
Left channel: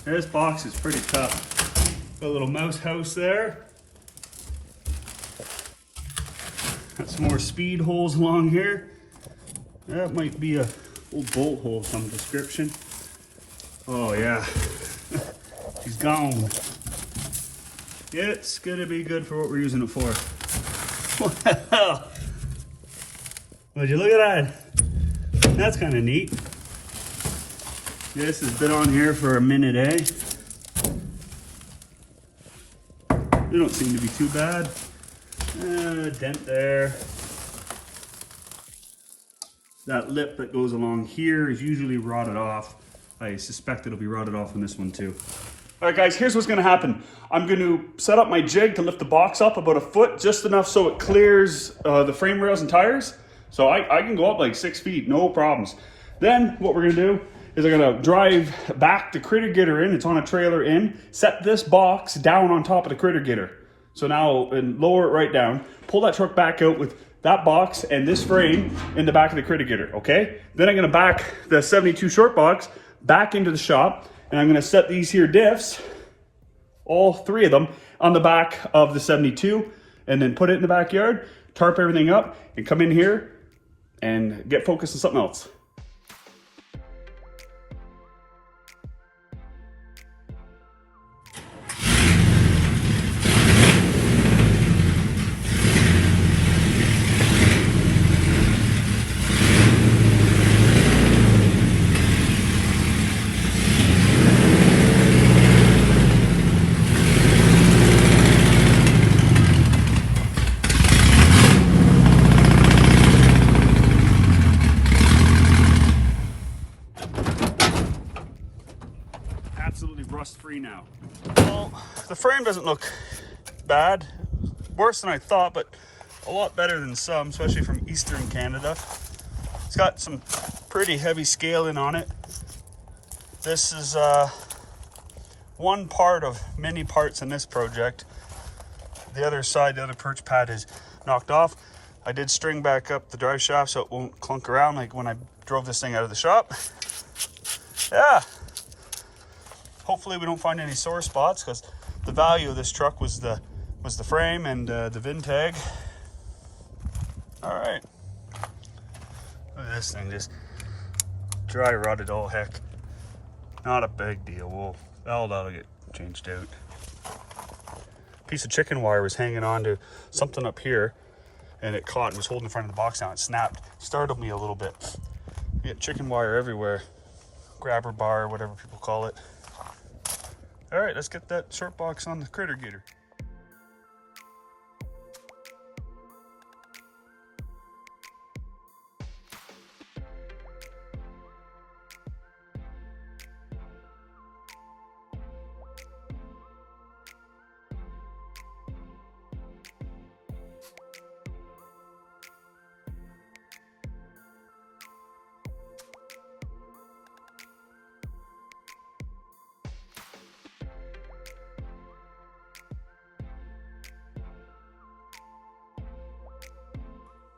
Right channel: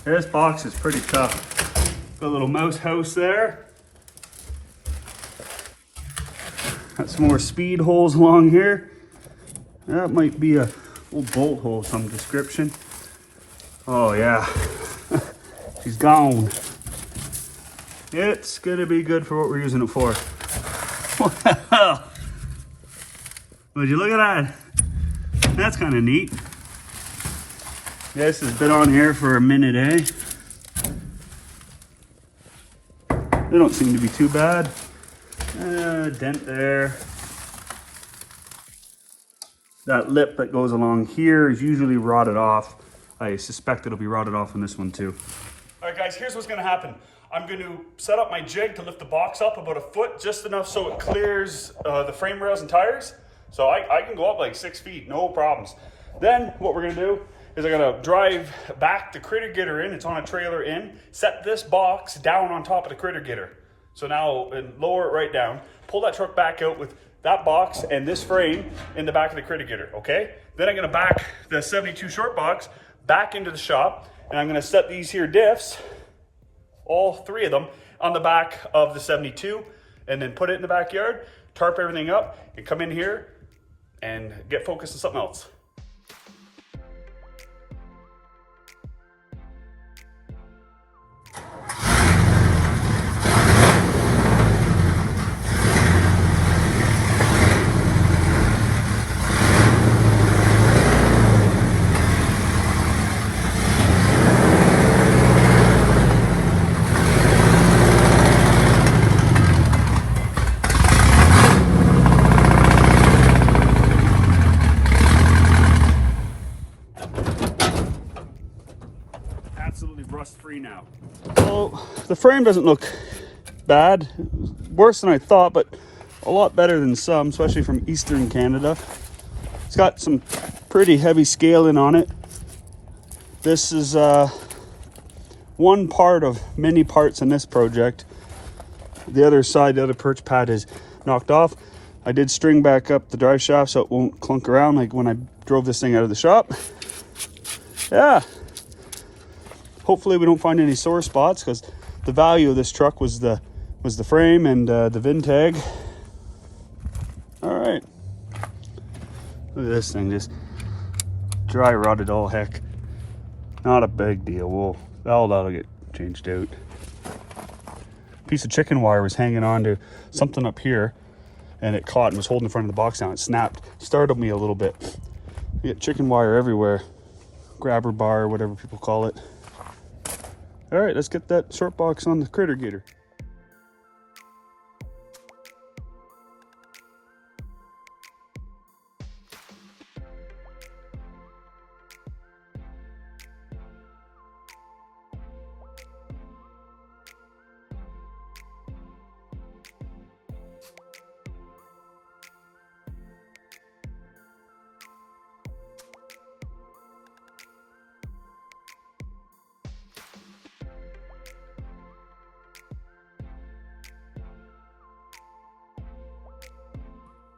This box is pretty tough. Got a little mouse house there. Got some more speed holes along here. That might be a little bolt hole of some description. Oh yeah, she's gone. It's gonna be good for what we're using it for. Wow. Would you look at that? That's kind of neat. This has been on here for a minute, eh? They don't seem to be too bad. Dent there. That lip that goes along here is usually rotted off. I suspect it'll be rotted off on this one too. All right guys, here's what's gonna happen. I'm gonna set up my jig to lift the box up about a foot, just enough so it clears the frame rails and tires. So I can go up like 6 feet, no problems. Then what we're gonna do is I'm gonna drive back the critter getter in, it's on a trailer in, set this box down on top of the critter getter. So now, and lower it right down, pull that truck back out with that box and this frame in the back of the critter getter, okay? Then I'm gonna back the 72 short box back into the shop, and I'm gonna set these here diffs, all 3 of them, on the back of the 72, and then put it in the backyard, tarp everything up, and come in here and get focused on something else. Absolutely rust free now. Well, the frame doesn't look bad. Worse than I thought, but a lot better than some, especially from Eastern Canada. It's got some pretty heavy scaling on it. This is one part of many parts in this project. The other side, the other perch pad is knocked off. I did string back up the drive shaft so it won't clunk around like when I drove this thing out of the shop. Yeah. Hopefully we don't find any sore spots, because the value of this truck was the frame and the VIN tag. All right. Look at this thing, just dry rotted all heck. Not a big deal. That'll get changed out. Piece of chicken wire was hanging on to something up here, and it caught and was holding the front of the box down. It snapped. Startled me a little bit. You get chicken wire everywhere. Grabber bar, whatever people call it. All right, let's get that short box on the critter getter.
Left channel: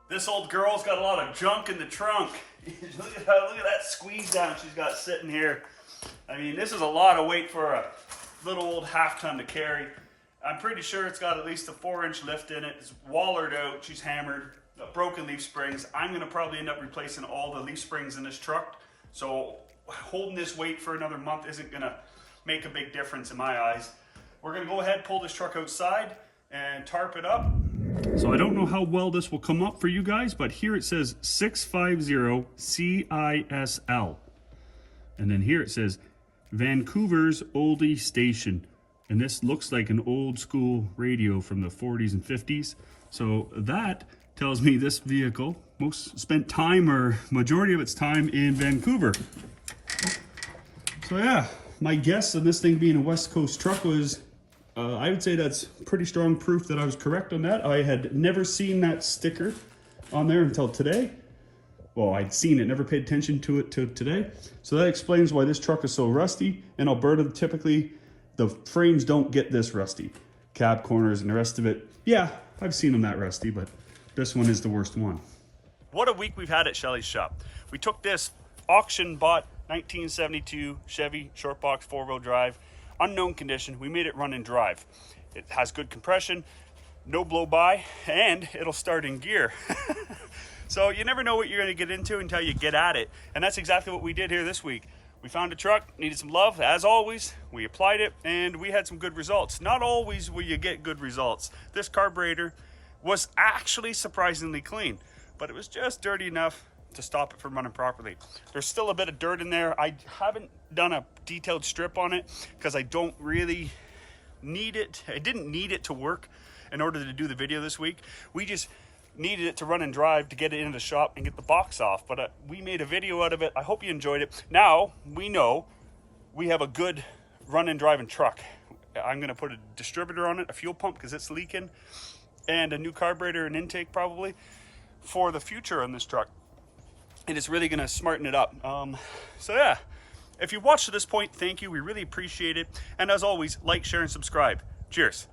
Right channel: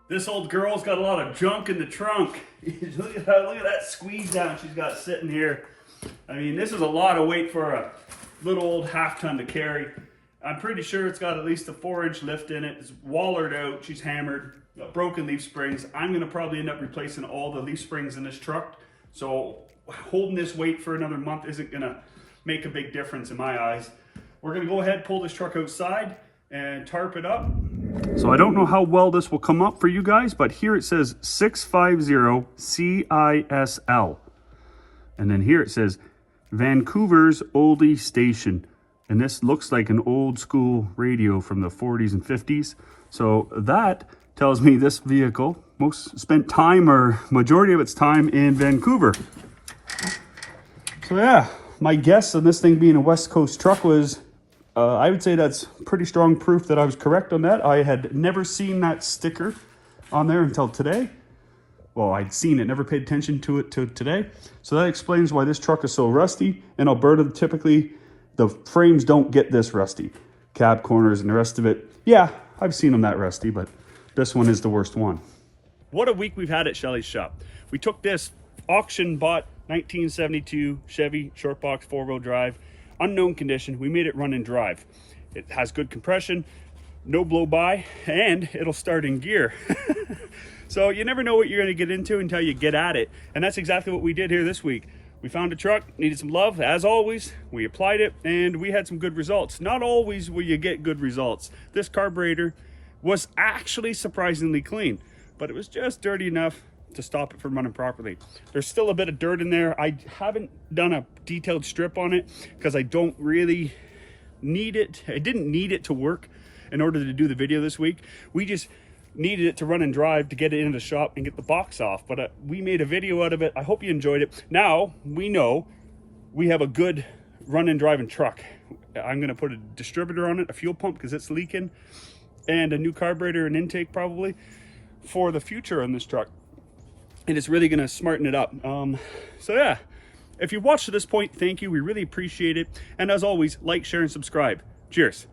This old girl's got a lot of junk in the trunk. look at that squeeze down she's got sitting here. I mean, this is a lot of weight for a little old half ton to carry. I'm pretty sure it's got at least a 4-inch lift in it. It's wallered out, she's hammered, got broken leaf springs. I'm gonna probably end up replacing all the leaf springs in this truck. So holding this weight for another month isn't gonna make a big difference in my eyes. We're gonna go ahead, pull this truck outside and tarp it up. So I don't know how well this will come up for you guys, but here it says 650 CISL. And then here it says Vancouver's oldie station. And this looks like an old school radio from the 40s and 50s. So that tells me this vehicle spent time, or majority of its time, in Vancouver. So yeah, my guess on this thing being a West Coast truck was, I would say that's pretty strong proof that I was correct on that. I had never seen that sticker on there until today. Well, I'd seen it, never paid attention to it till today. So that explains why this truck is so rusty. In Alberta, typically, the frames don't get this rusty. Cab corners and the rest of it, yeah, I've seen them that rusty, but this one is the worst one. What a week we've had at Shelley's shop. We took this auction bought 1972 Chevy Short Box 4-wheel drive, unknown condition. We made it run and drive. It has good compression, no blow by, and it'll start in gear. So you never know what you're going to get into until you get at it. And that's exactly what we did here this week. We found a truck, needed some love, as always. We applied it, and we had some good results. Not always will you get good results. This carburetor was actually surprisingly clean, but it was just dirty enough to stop it from running properly. There's still a bit of dirt in there. I haven't done a detailed strip on it because I don't really need it. I didn't need it to work in order to do the video this week. We just needed it to run and drive to get it into the shop and get the box off. But we made a video out of it. I hope you enjoyed it. Now we know we have a good run and driving truck. I'm gonna put a distributor on it, a fuel pump because it's leaking, and a new carburetor and intake probably for the future on this truck. And it's really gonna smarten it up. So yeah, if you watched to this point, thank you. We really appreciate it. And as always, like, share, and subscribe. Cheers.